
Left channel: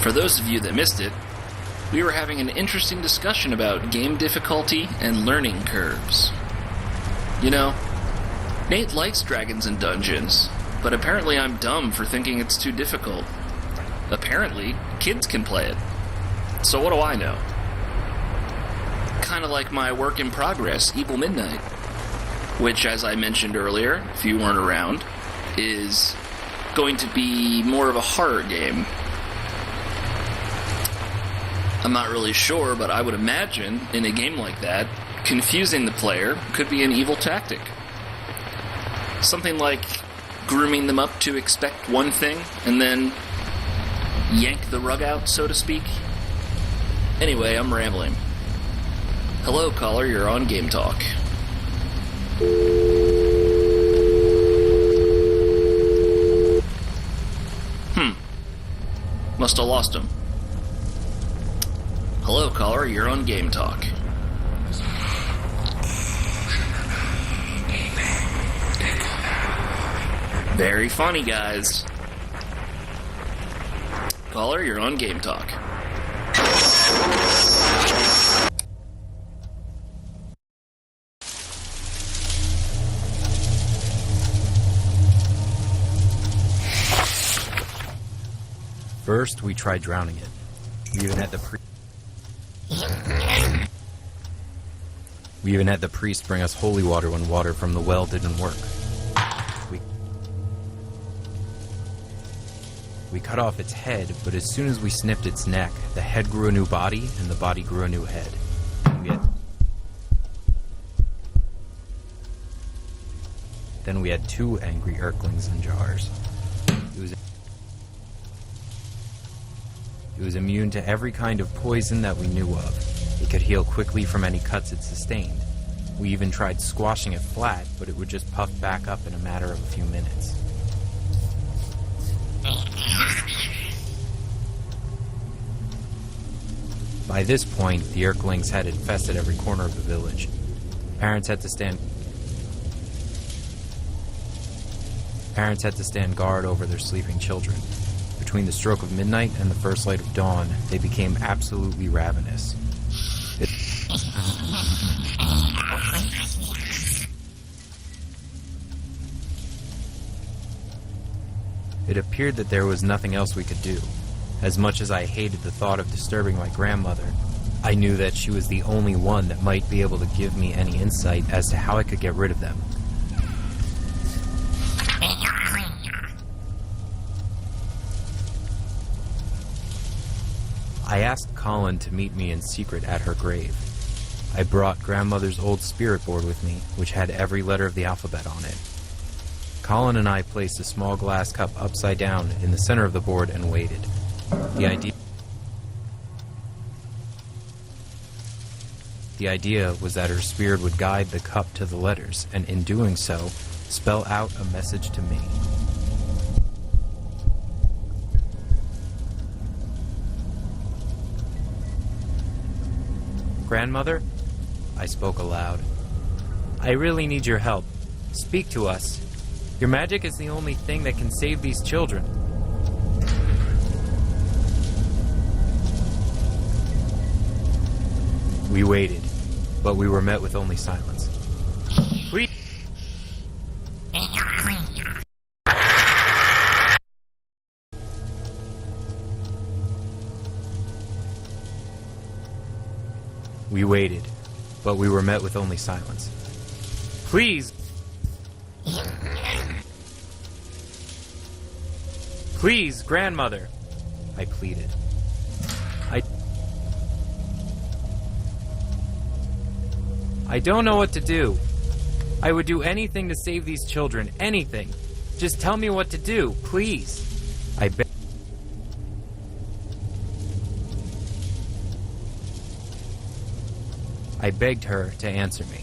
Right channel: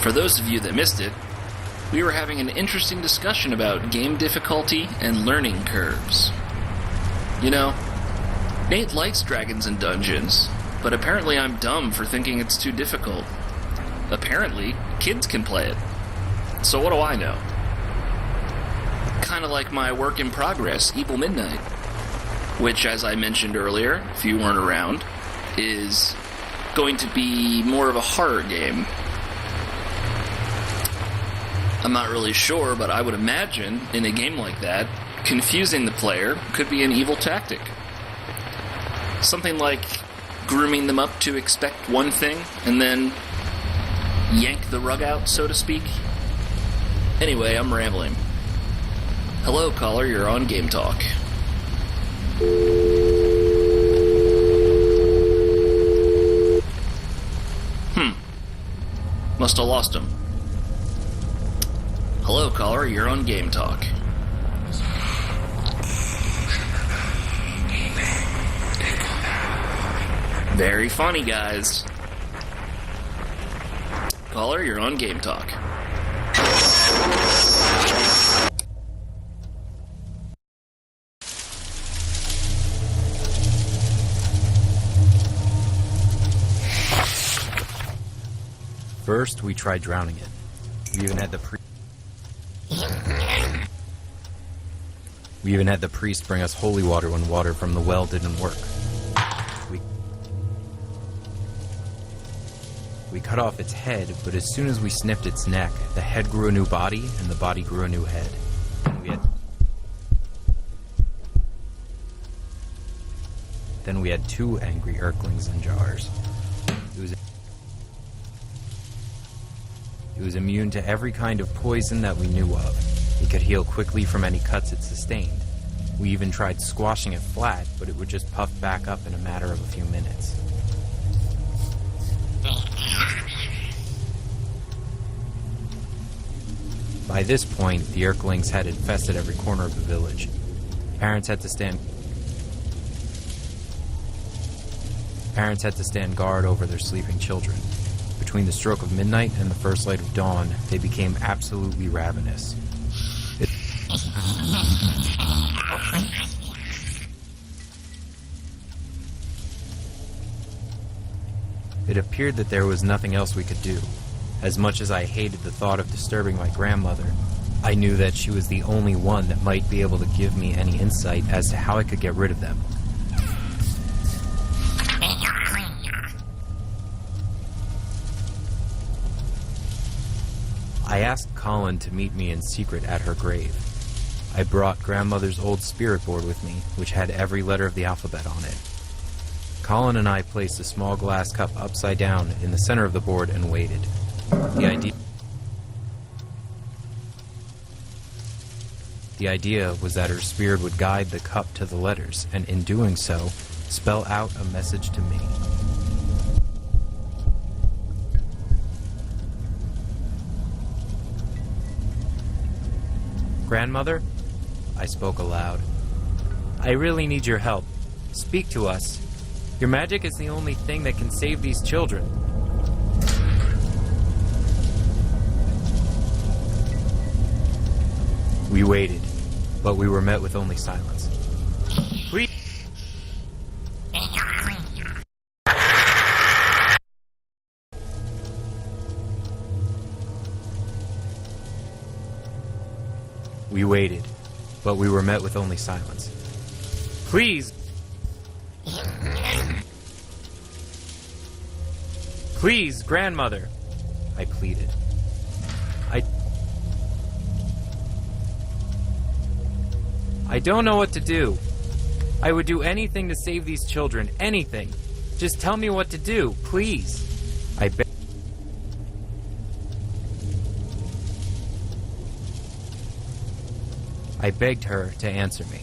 For those of you that missed it, we were having an interesting discussion about game difficulty and learning curves. You know, Nate likes Dragons and Dungeons, but apparently I'm dumb for thinking it's too difficult. Apparently, kids can play it. So what do I know? Kinda like my work in progress, Evil Midnight, which, as I mentioned earlier, if you weren't around, is going to be more of a horror game. I'm not really sure, but I would imagine, in a game like that, confusing the player could be an evil tactic. Something like grooming them up to expect one thing, and then yank the rug out, so to speak. Anyway, I'm rambling. Hello, caller, you're on Game Talk. Must have lost him. Hello, caller, you're on Game Talk. Very funny, guys. Caller, you're on Game Talk. First, we tried drowning it. We even had the priest bring us holy water when water from the well didn't work. We cut off its head, but as soon as we snipped its neck, the head grew a new body, and the body grew a new head. Then we had 2 angry Urklings in jars. It was immune to every kind of poison that we knew of. It could heal quickly from any cuts it sustained. We even tried squashing it flat, but it would just puff back up in a matter of a few minutes. By this point, the Urklings had infested every corner of the village. Parents had to stand guard over their sleeping children. Between the stroke of midnight and the first light of dawn, they became absolutely ravenous. It appeared that there was nothing else we could do. As much as I hated the thought of disturbing my grandmother, I knew that she was the only one that might be able to give me any insight as to how I could get rid of them. I asked Colin to meet me in secret at her grave. I brought grandmother's old spirit board with me, which had every letter of the alphabet on it. Colin and I placed a small glass cup upside down in the center of the board and waited. The idea was that her spirit would guide the cup to the letters, and in doing so, spell out a message to me. Grandmother, I spoke aloud. I really need your help. Speak to us. Your magic is the only thing that can save these children. We waited, but we were met with only silence. We waited, but we were met with only silence. Please! Please, grandmother! I pleaded. I don't know what to do. I would do anything to save these children, anything. Just tell me what to do, please. I begged her to answer me.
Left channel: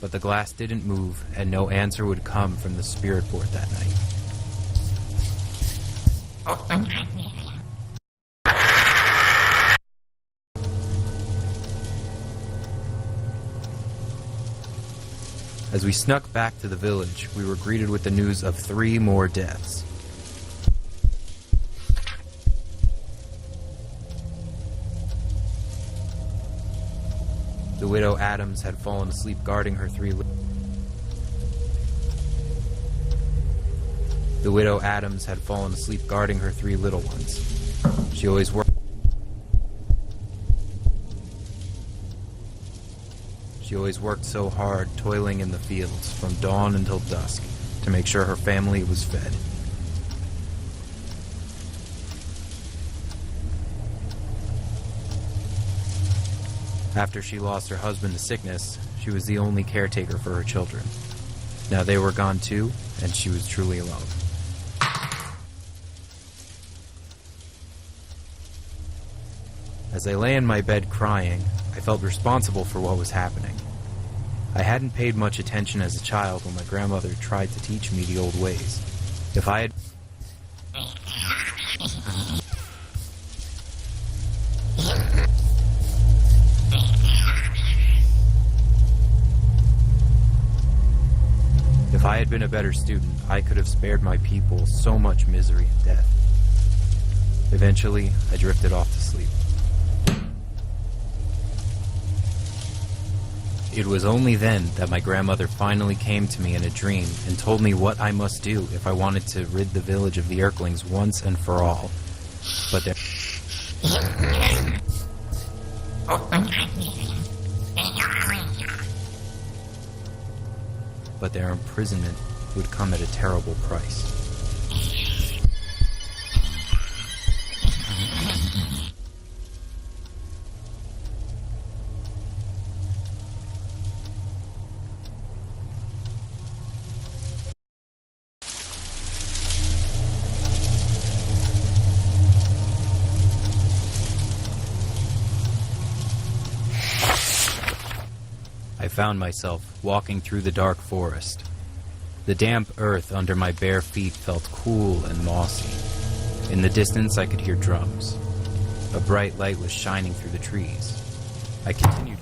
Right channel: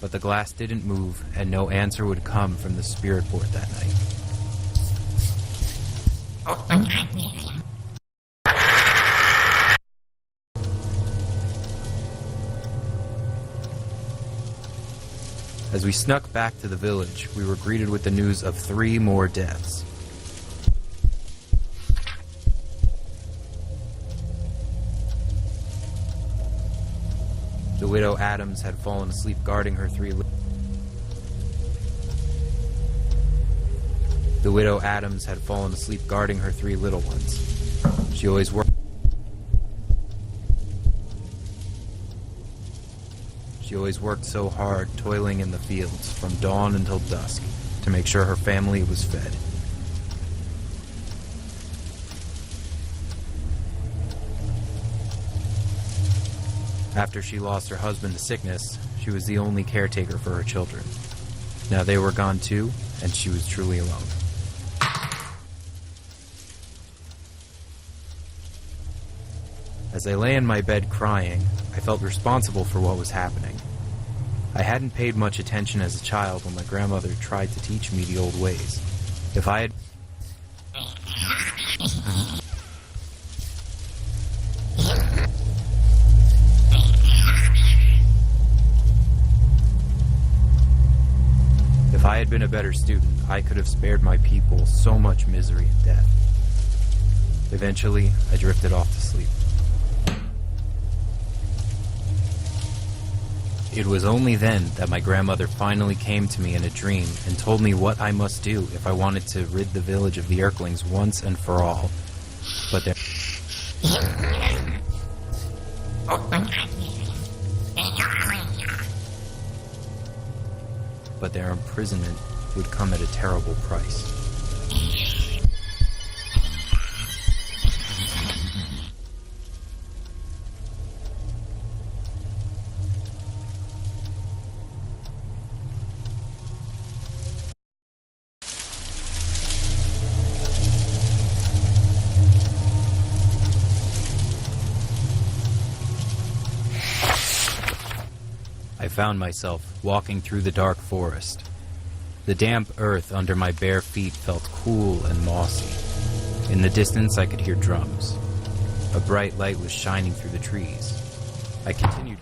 But the glass didn't move, and no answer would come from the spirit board that night. As we snuck back to the village, we were greeted with the news of 3 more deaths. The widow Adams had fallen asleep guarding her 3 little ones. She always worked so hard, toiling in the fields from dawn until dusk to make sure her family was fed. After she lost her husband to sickness, she was the only caretaker for her children. Now they were gone too, and she was truly alone. As I lay in my bed crying, I felt responsible for what was happening. I hadn't paid much attention as a child when my grandmother tried to teach me the old ways. If I had been a better student, I could have spared my people so much misery and death. Eventually, I drifted off to sleep. It was only then that my grandmother finally came to me in a dream and told me what I must do if I wanted to rid the village of the Urklings once and for all. But their imprisonment would come at a terrible price. I found myself walking through the dark forest. The damp earth under my bare feet felt cool and mossy. In the distance, I could hear drums. A bright light was shining through the trees. I continued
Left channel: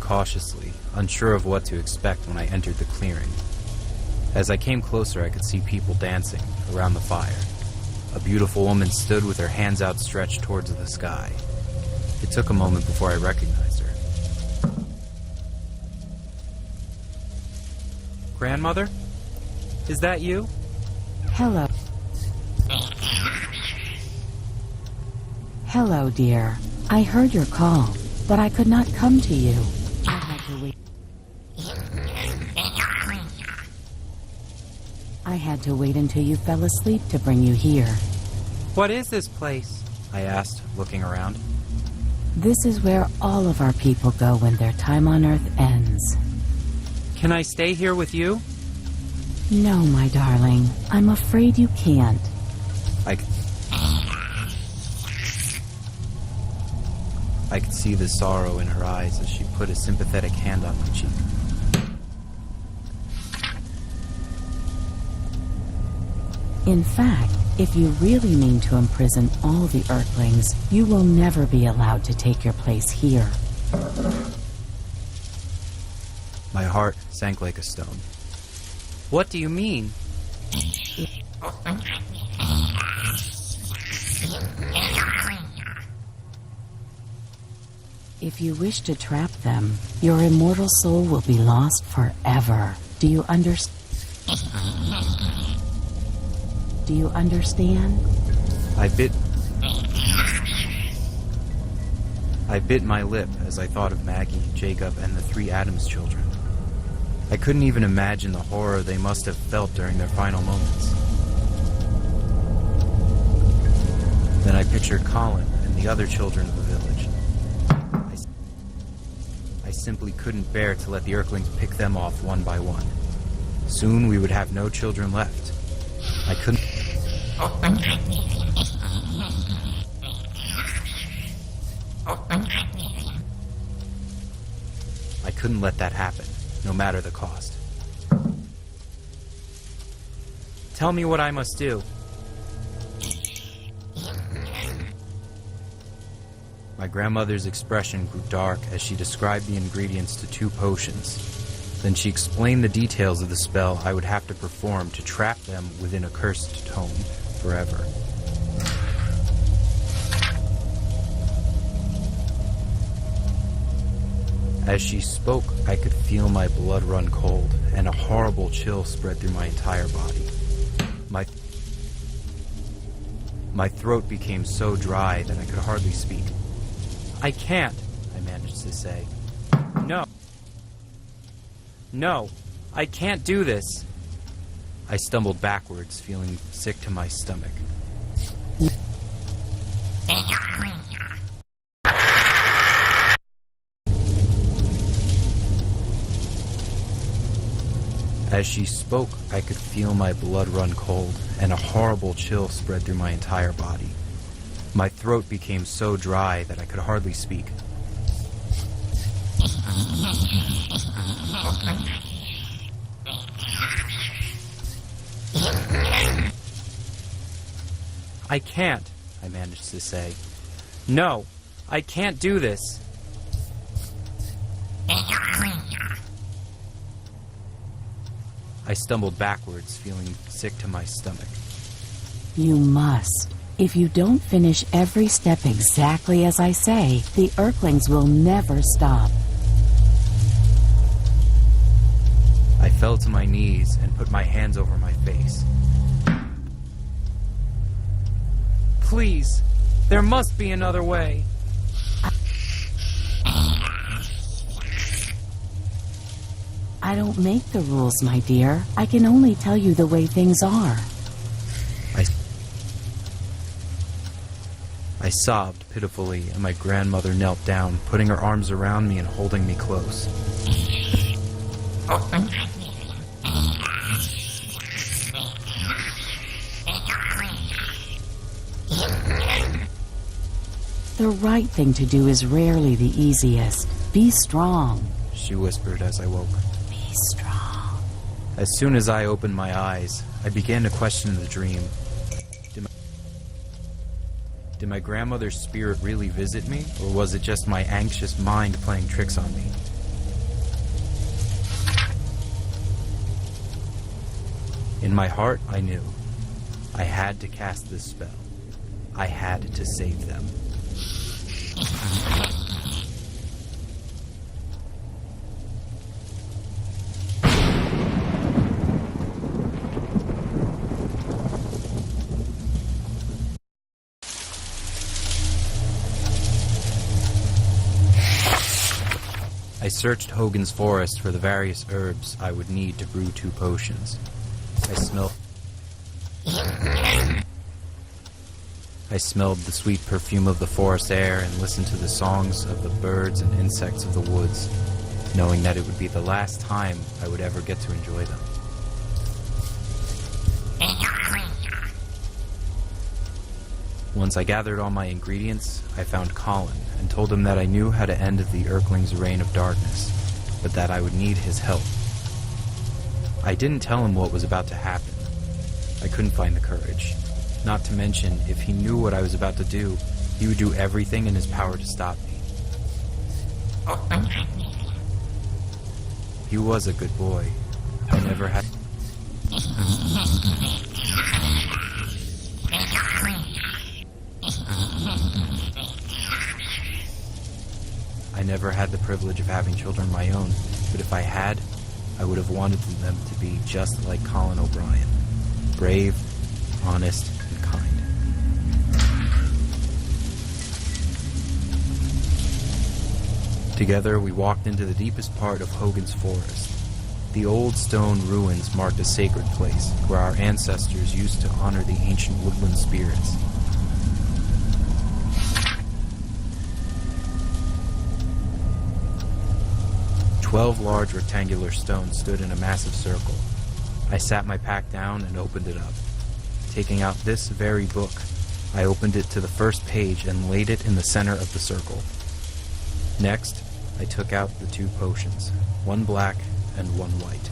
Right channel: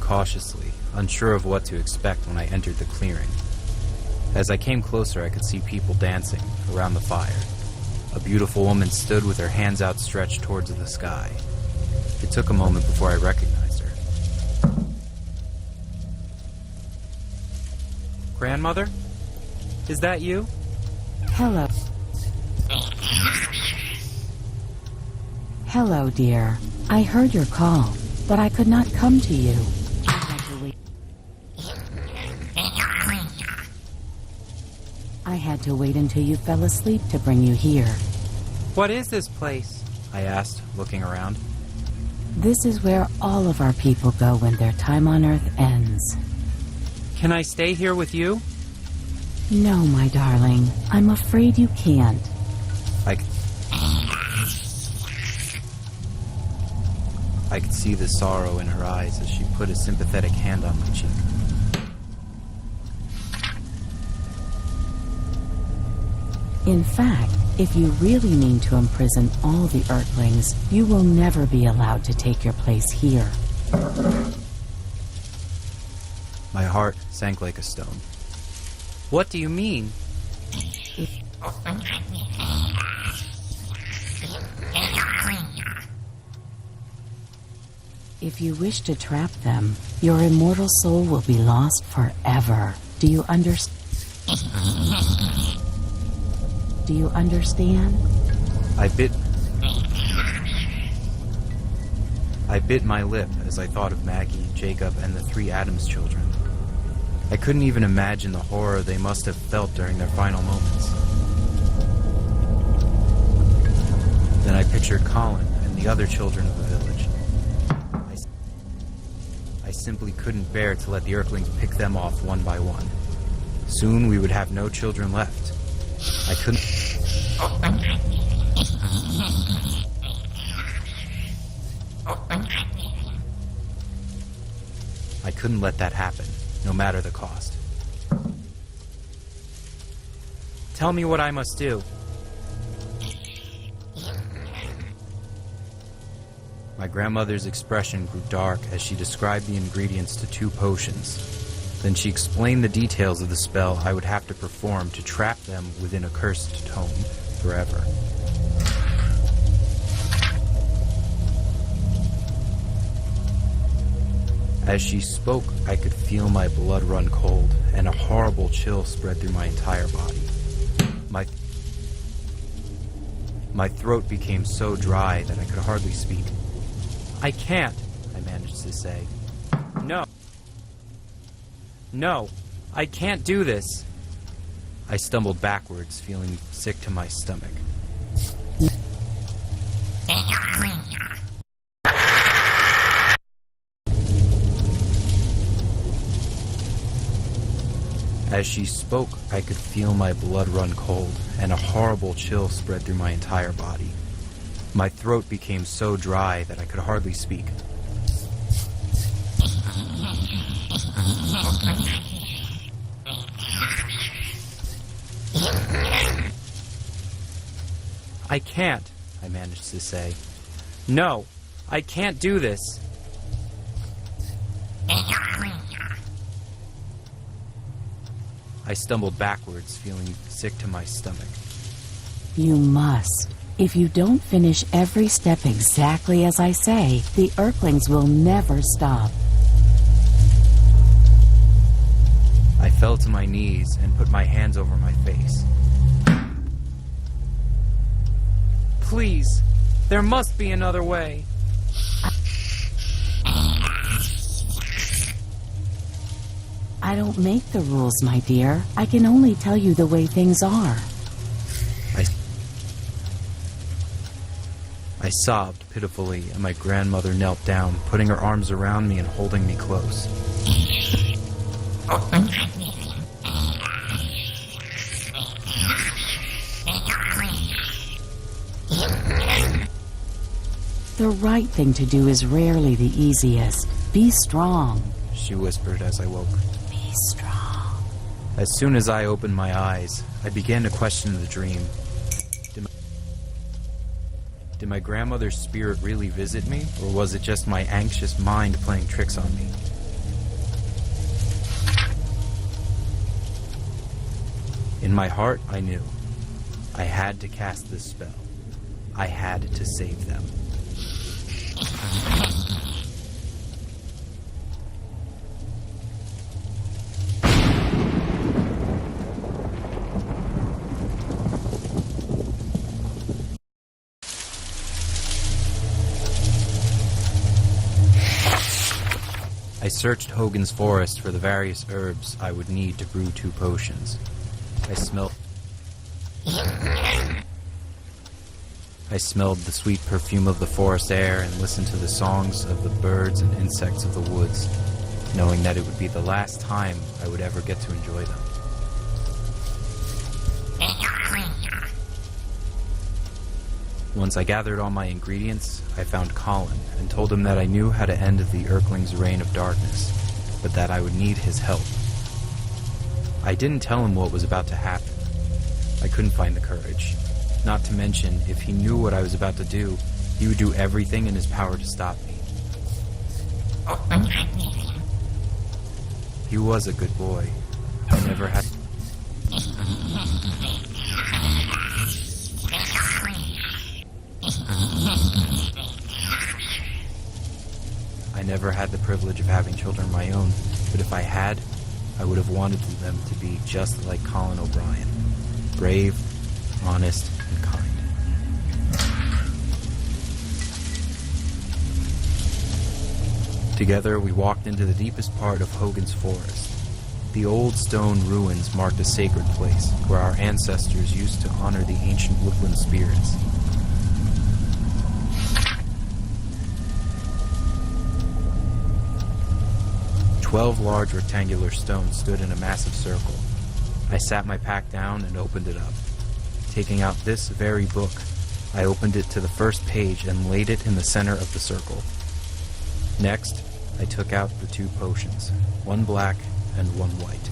cautiously, unsure of what to expect when I entered the clearing. As I came closer, I could see people dancing around the fire. A beautiful woman stood with her hands outstretched towards the sky. It took a moment before I recognized her. Grandmother? Is that you? Hello. Hello, dear. I heard your call, but I could not come to you. I had to wait. I had to wait until you fell asleep to bring you here. What is this place? I asked, looking around. This is where all of our people go when their time on Earth ends. Can I stay here with you? No, my darling. I'm afraid you can't. I could see the sorrow in her eyes as she put a sympathetic hand on my cheek. In fact, if you really mean to imprison all the Earthlings, you will never be allowed to take your place here. My heart sank like a stone. What do you mean? If you wish to trap them, your immortal soul will be lost forever. Do you understand? Do you understand? I bit my lip as I thought of Maggie, Jacob, and the 3 Adams children. I couldn't even imagine the horror they must have felt during their final moments. Then I pictured Colin and the other children of the village. I simply couldn't bear to let the Earthlings pick them off one by one. Soon we would have no children left. I couldn't let that happen, no matter the cost. Tell me what I must do. My grandmother's expression grew dark as she described the ingredients to 2 potions. Then she explained the details of the spell I would have to perform to trap them within a cursed tome forever. As she spoke, I could feel my blood run cold, and a horrible chill spread through my entire body. My throat became so dry that I could hardly speak. I can't, I managed to say. No, I can't do this. I stumbled backwards, feeling sick to my stomach. As she spoke, I could feel my blood run cold, and a horrible chill spread through my entire body. My throat became so dry that I could hardly speak. I can't, I managed to say. No, I can't do this. I stumbled backwards, feeling sick to my stomach. You must. If you don't finish every step exactly as I say, the Earthlings will never stop. I fell to my knees and put my hands over my face. Please, there must be another way. I don't make the rules, my dear. I can only tell you the way things are. I sobbed pitifully, and my grandmother knelt down, putting her arms around me and holding me close. The right thing to do is rarely the easiest. Be strong. she whispered as I woke. Be strong. As soon as I opened my eyes, I began to question the dream. Did my grandmother's spirit really visit me, or was it just my anxious mind playing tricks on me? In my heart, I knew. I had to cast this spell. I had to save them. I searched Hogan's forest for the various herbs I would need to brew 2 potions. I smelled the sweet perfume of the forest air and listened to the songs of the birds and insects of the woods, knowing that it would be the last time I would ever get to enjoy them. Once I gathered all my ingredients, I found Colin and told him that I knew how to end the Earthling's reign of darkness, but that I would need his help. I didn't tell him what was about to happen. I couldn't find the courage. Not to mention, if he knew what I was about to do, he would do everything in his power to stop me. He was a good boy. I never had... I never had the privilege of having children of my own, but if I had, I would have wanted them to be just like Colin O'Brien. Brave, honest, and kind. Together, we walked into the deepest part of Hogan's forest. The old stone ruins marked a sacred place where our ancestors used to honor the ancient woodland spirits. Twelve large rectangular stones stood in a massive circle. I sat my pack down and opened it up. Taking out this very book, I opened it to the first page and laid it in the center of the circle. Next, I took out the 2 potions, one black and one white.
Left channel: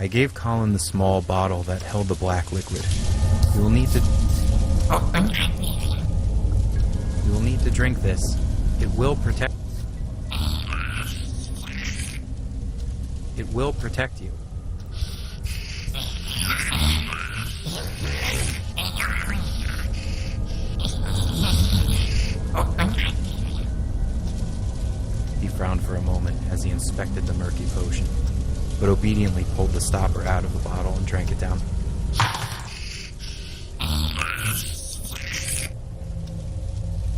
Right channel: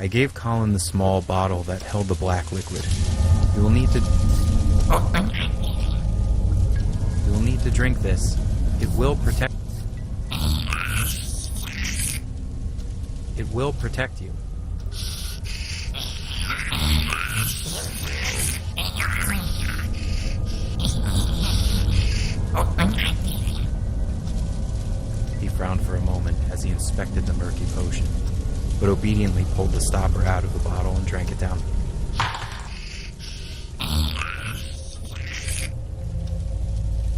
I gave Colin the small bottle that held the black liquid. You will need to drink this. It will protect you. He frowned for a moment as he inspected the murky potion, but obediently pulled the stopper out of the bottle and drank it down.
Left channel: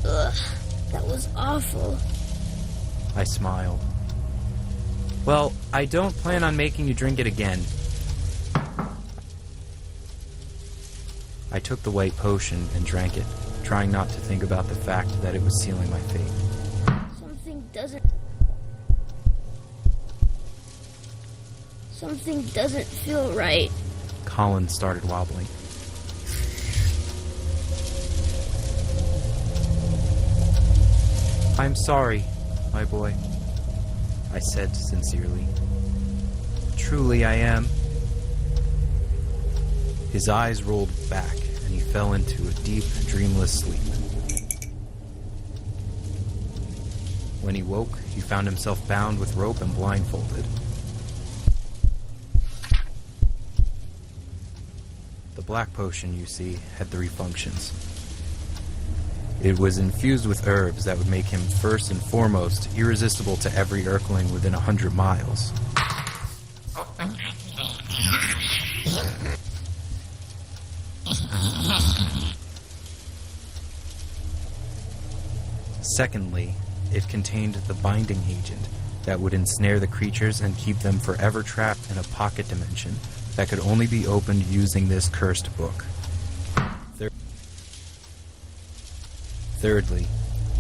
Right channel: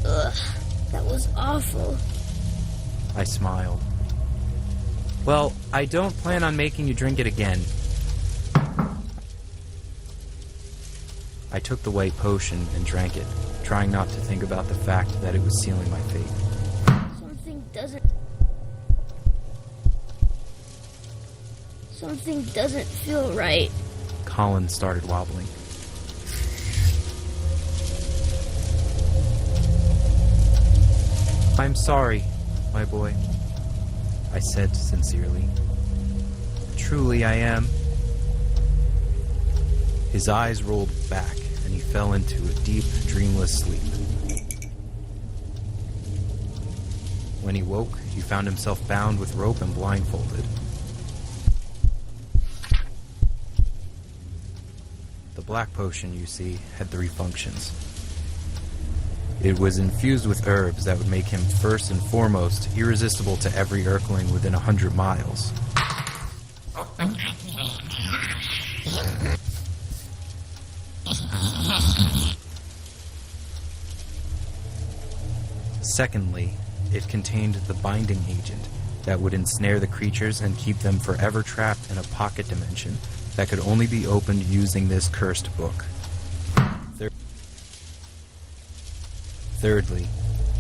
Ugh, that was awful. I smiled. Well, I don't plan on making you drink it again. I took the white potion and drank it, trying not to think about the fact that it was sealing my fate. Something doesn't feel right. Colin started wobbling. I'm sorry, my boy, I said sincerely. Truly I am. His eyes rolled back, and he fell into a deep, dreamless sleep. When he woke, he found himself bound with rope and blindfolded. The black potion, you see, had 3 functions. It was infused with herbs that would make him first and foremost irresistible to every Earthling within 100 miles. Secondly, it contained the binding agent that would ensnare the creatures and keep them forever trapped in a pocket dimension that could only be opened using this cursed book. Thirdly,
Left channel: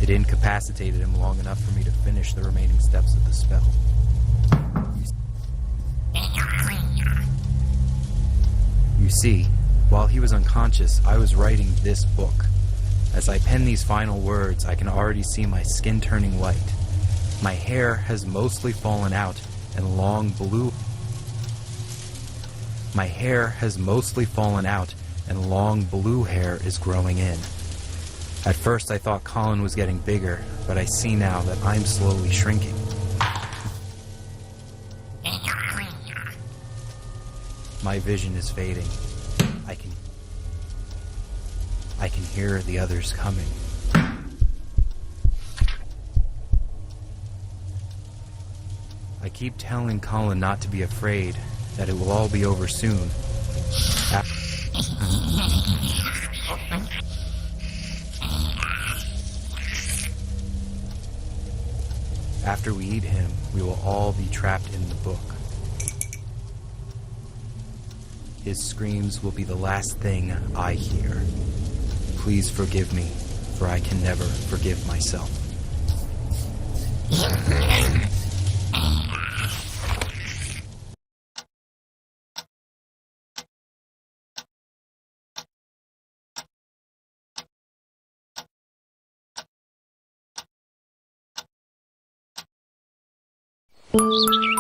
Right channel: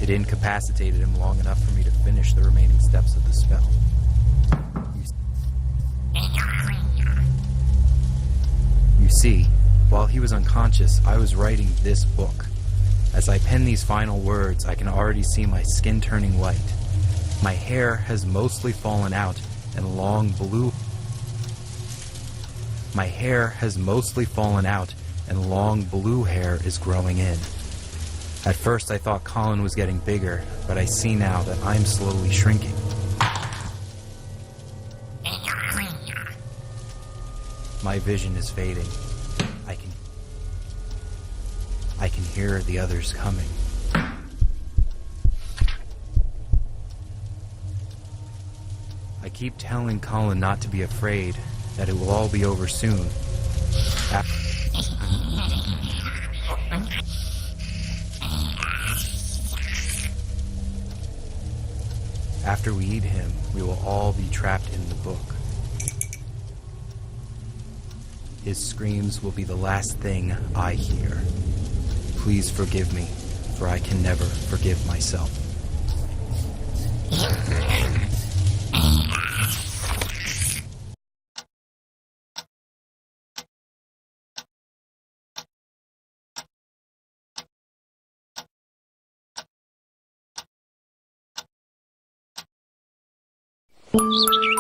it incapacitated him long enough for me to finish the remaining steps of the spell. You see, while he was unconscious, I was writing this book. As I pen these final words, I can already see my skin turning white. My hair has mostly fallen out, and long blue hair is growing in. At first I thought Colin was getting bigger, but I see now that I'm slowly shrinking. My vision is fading. I can hear the others coming. I keep telling Colin not to be afraid, that it will all be over soon. After we eat him, we will all be trapped in the book. His screams will be the last thing I hear. Please forgive me, for I can never forgive myself. Thank you.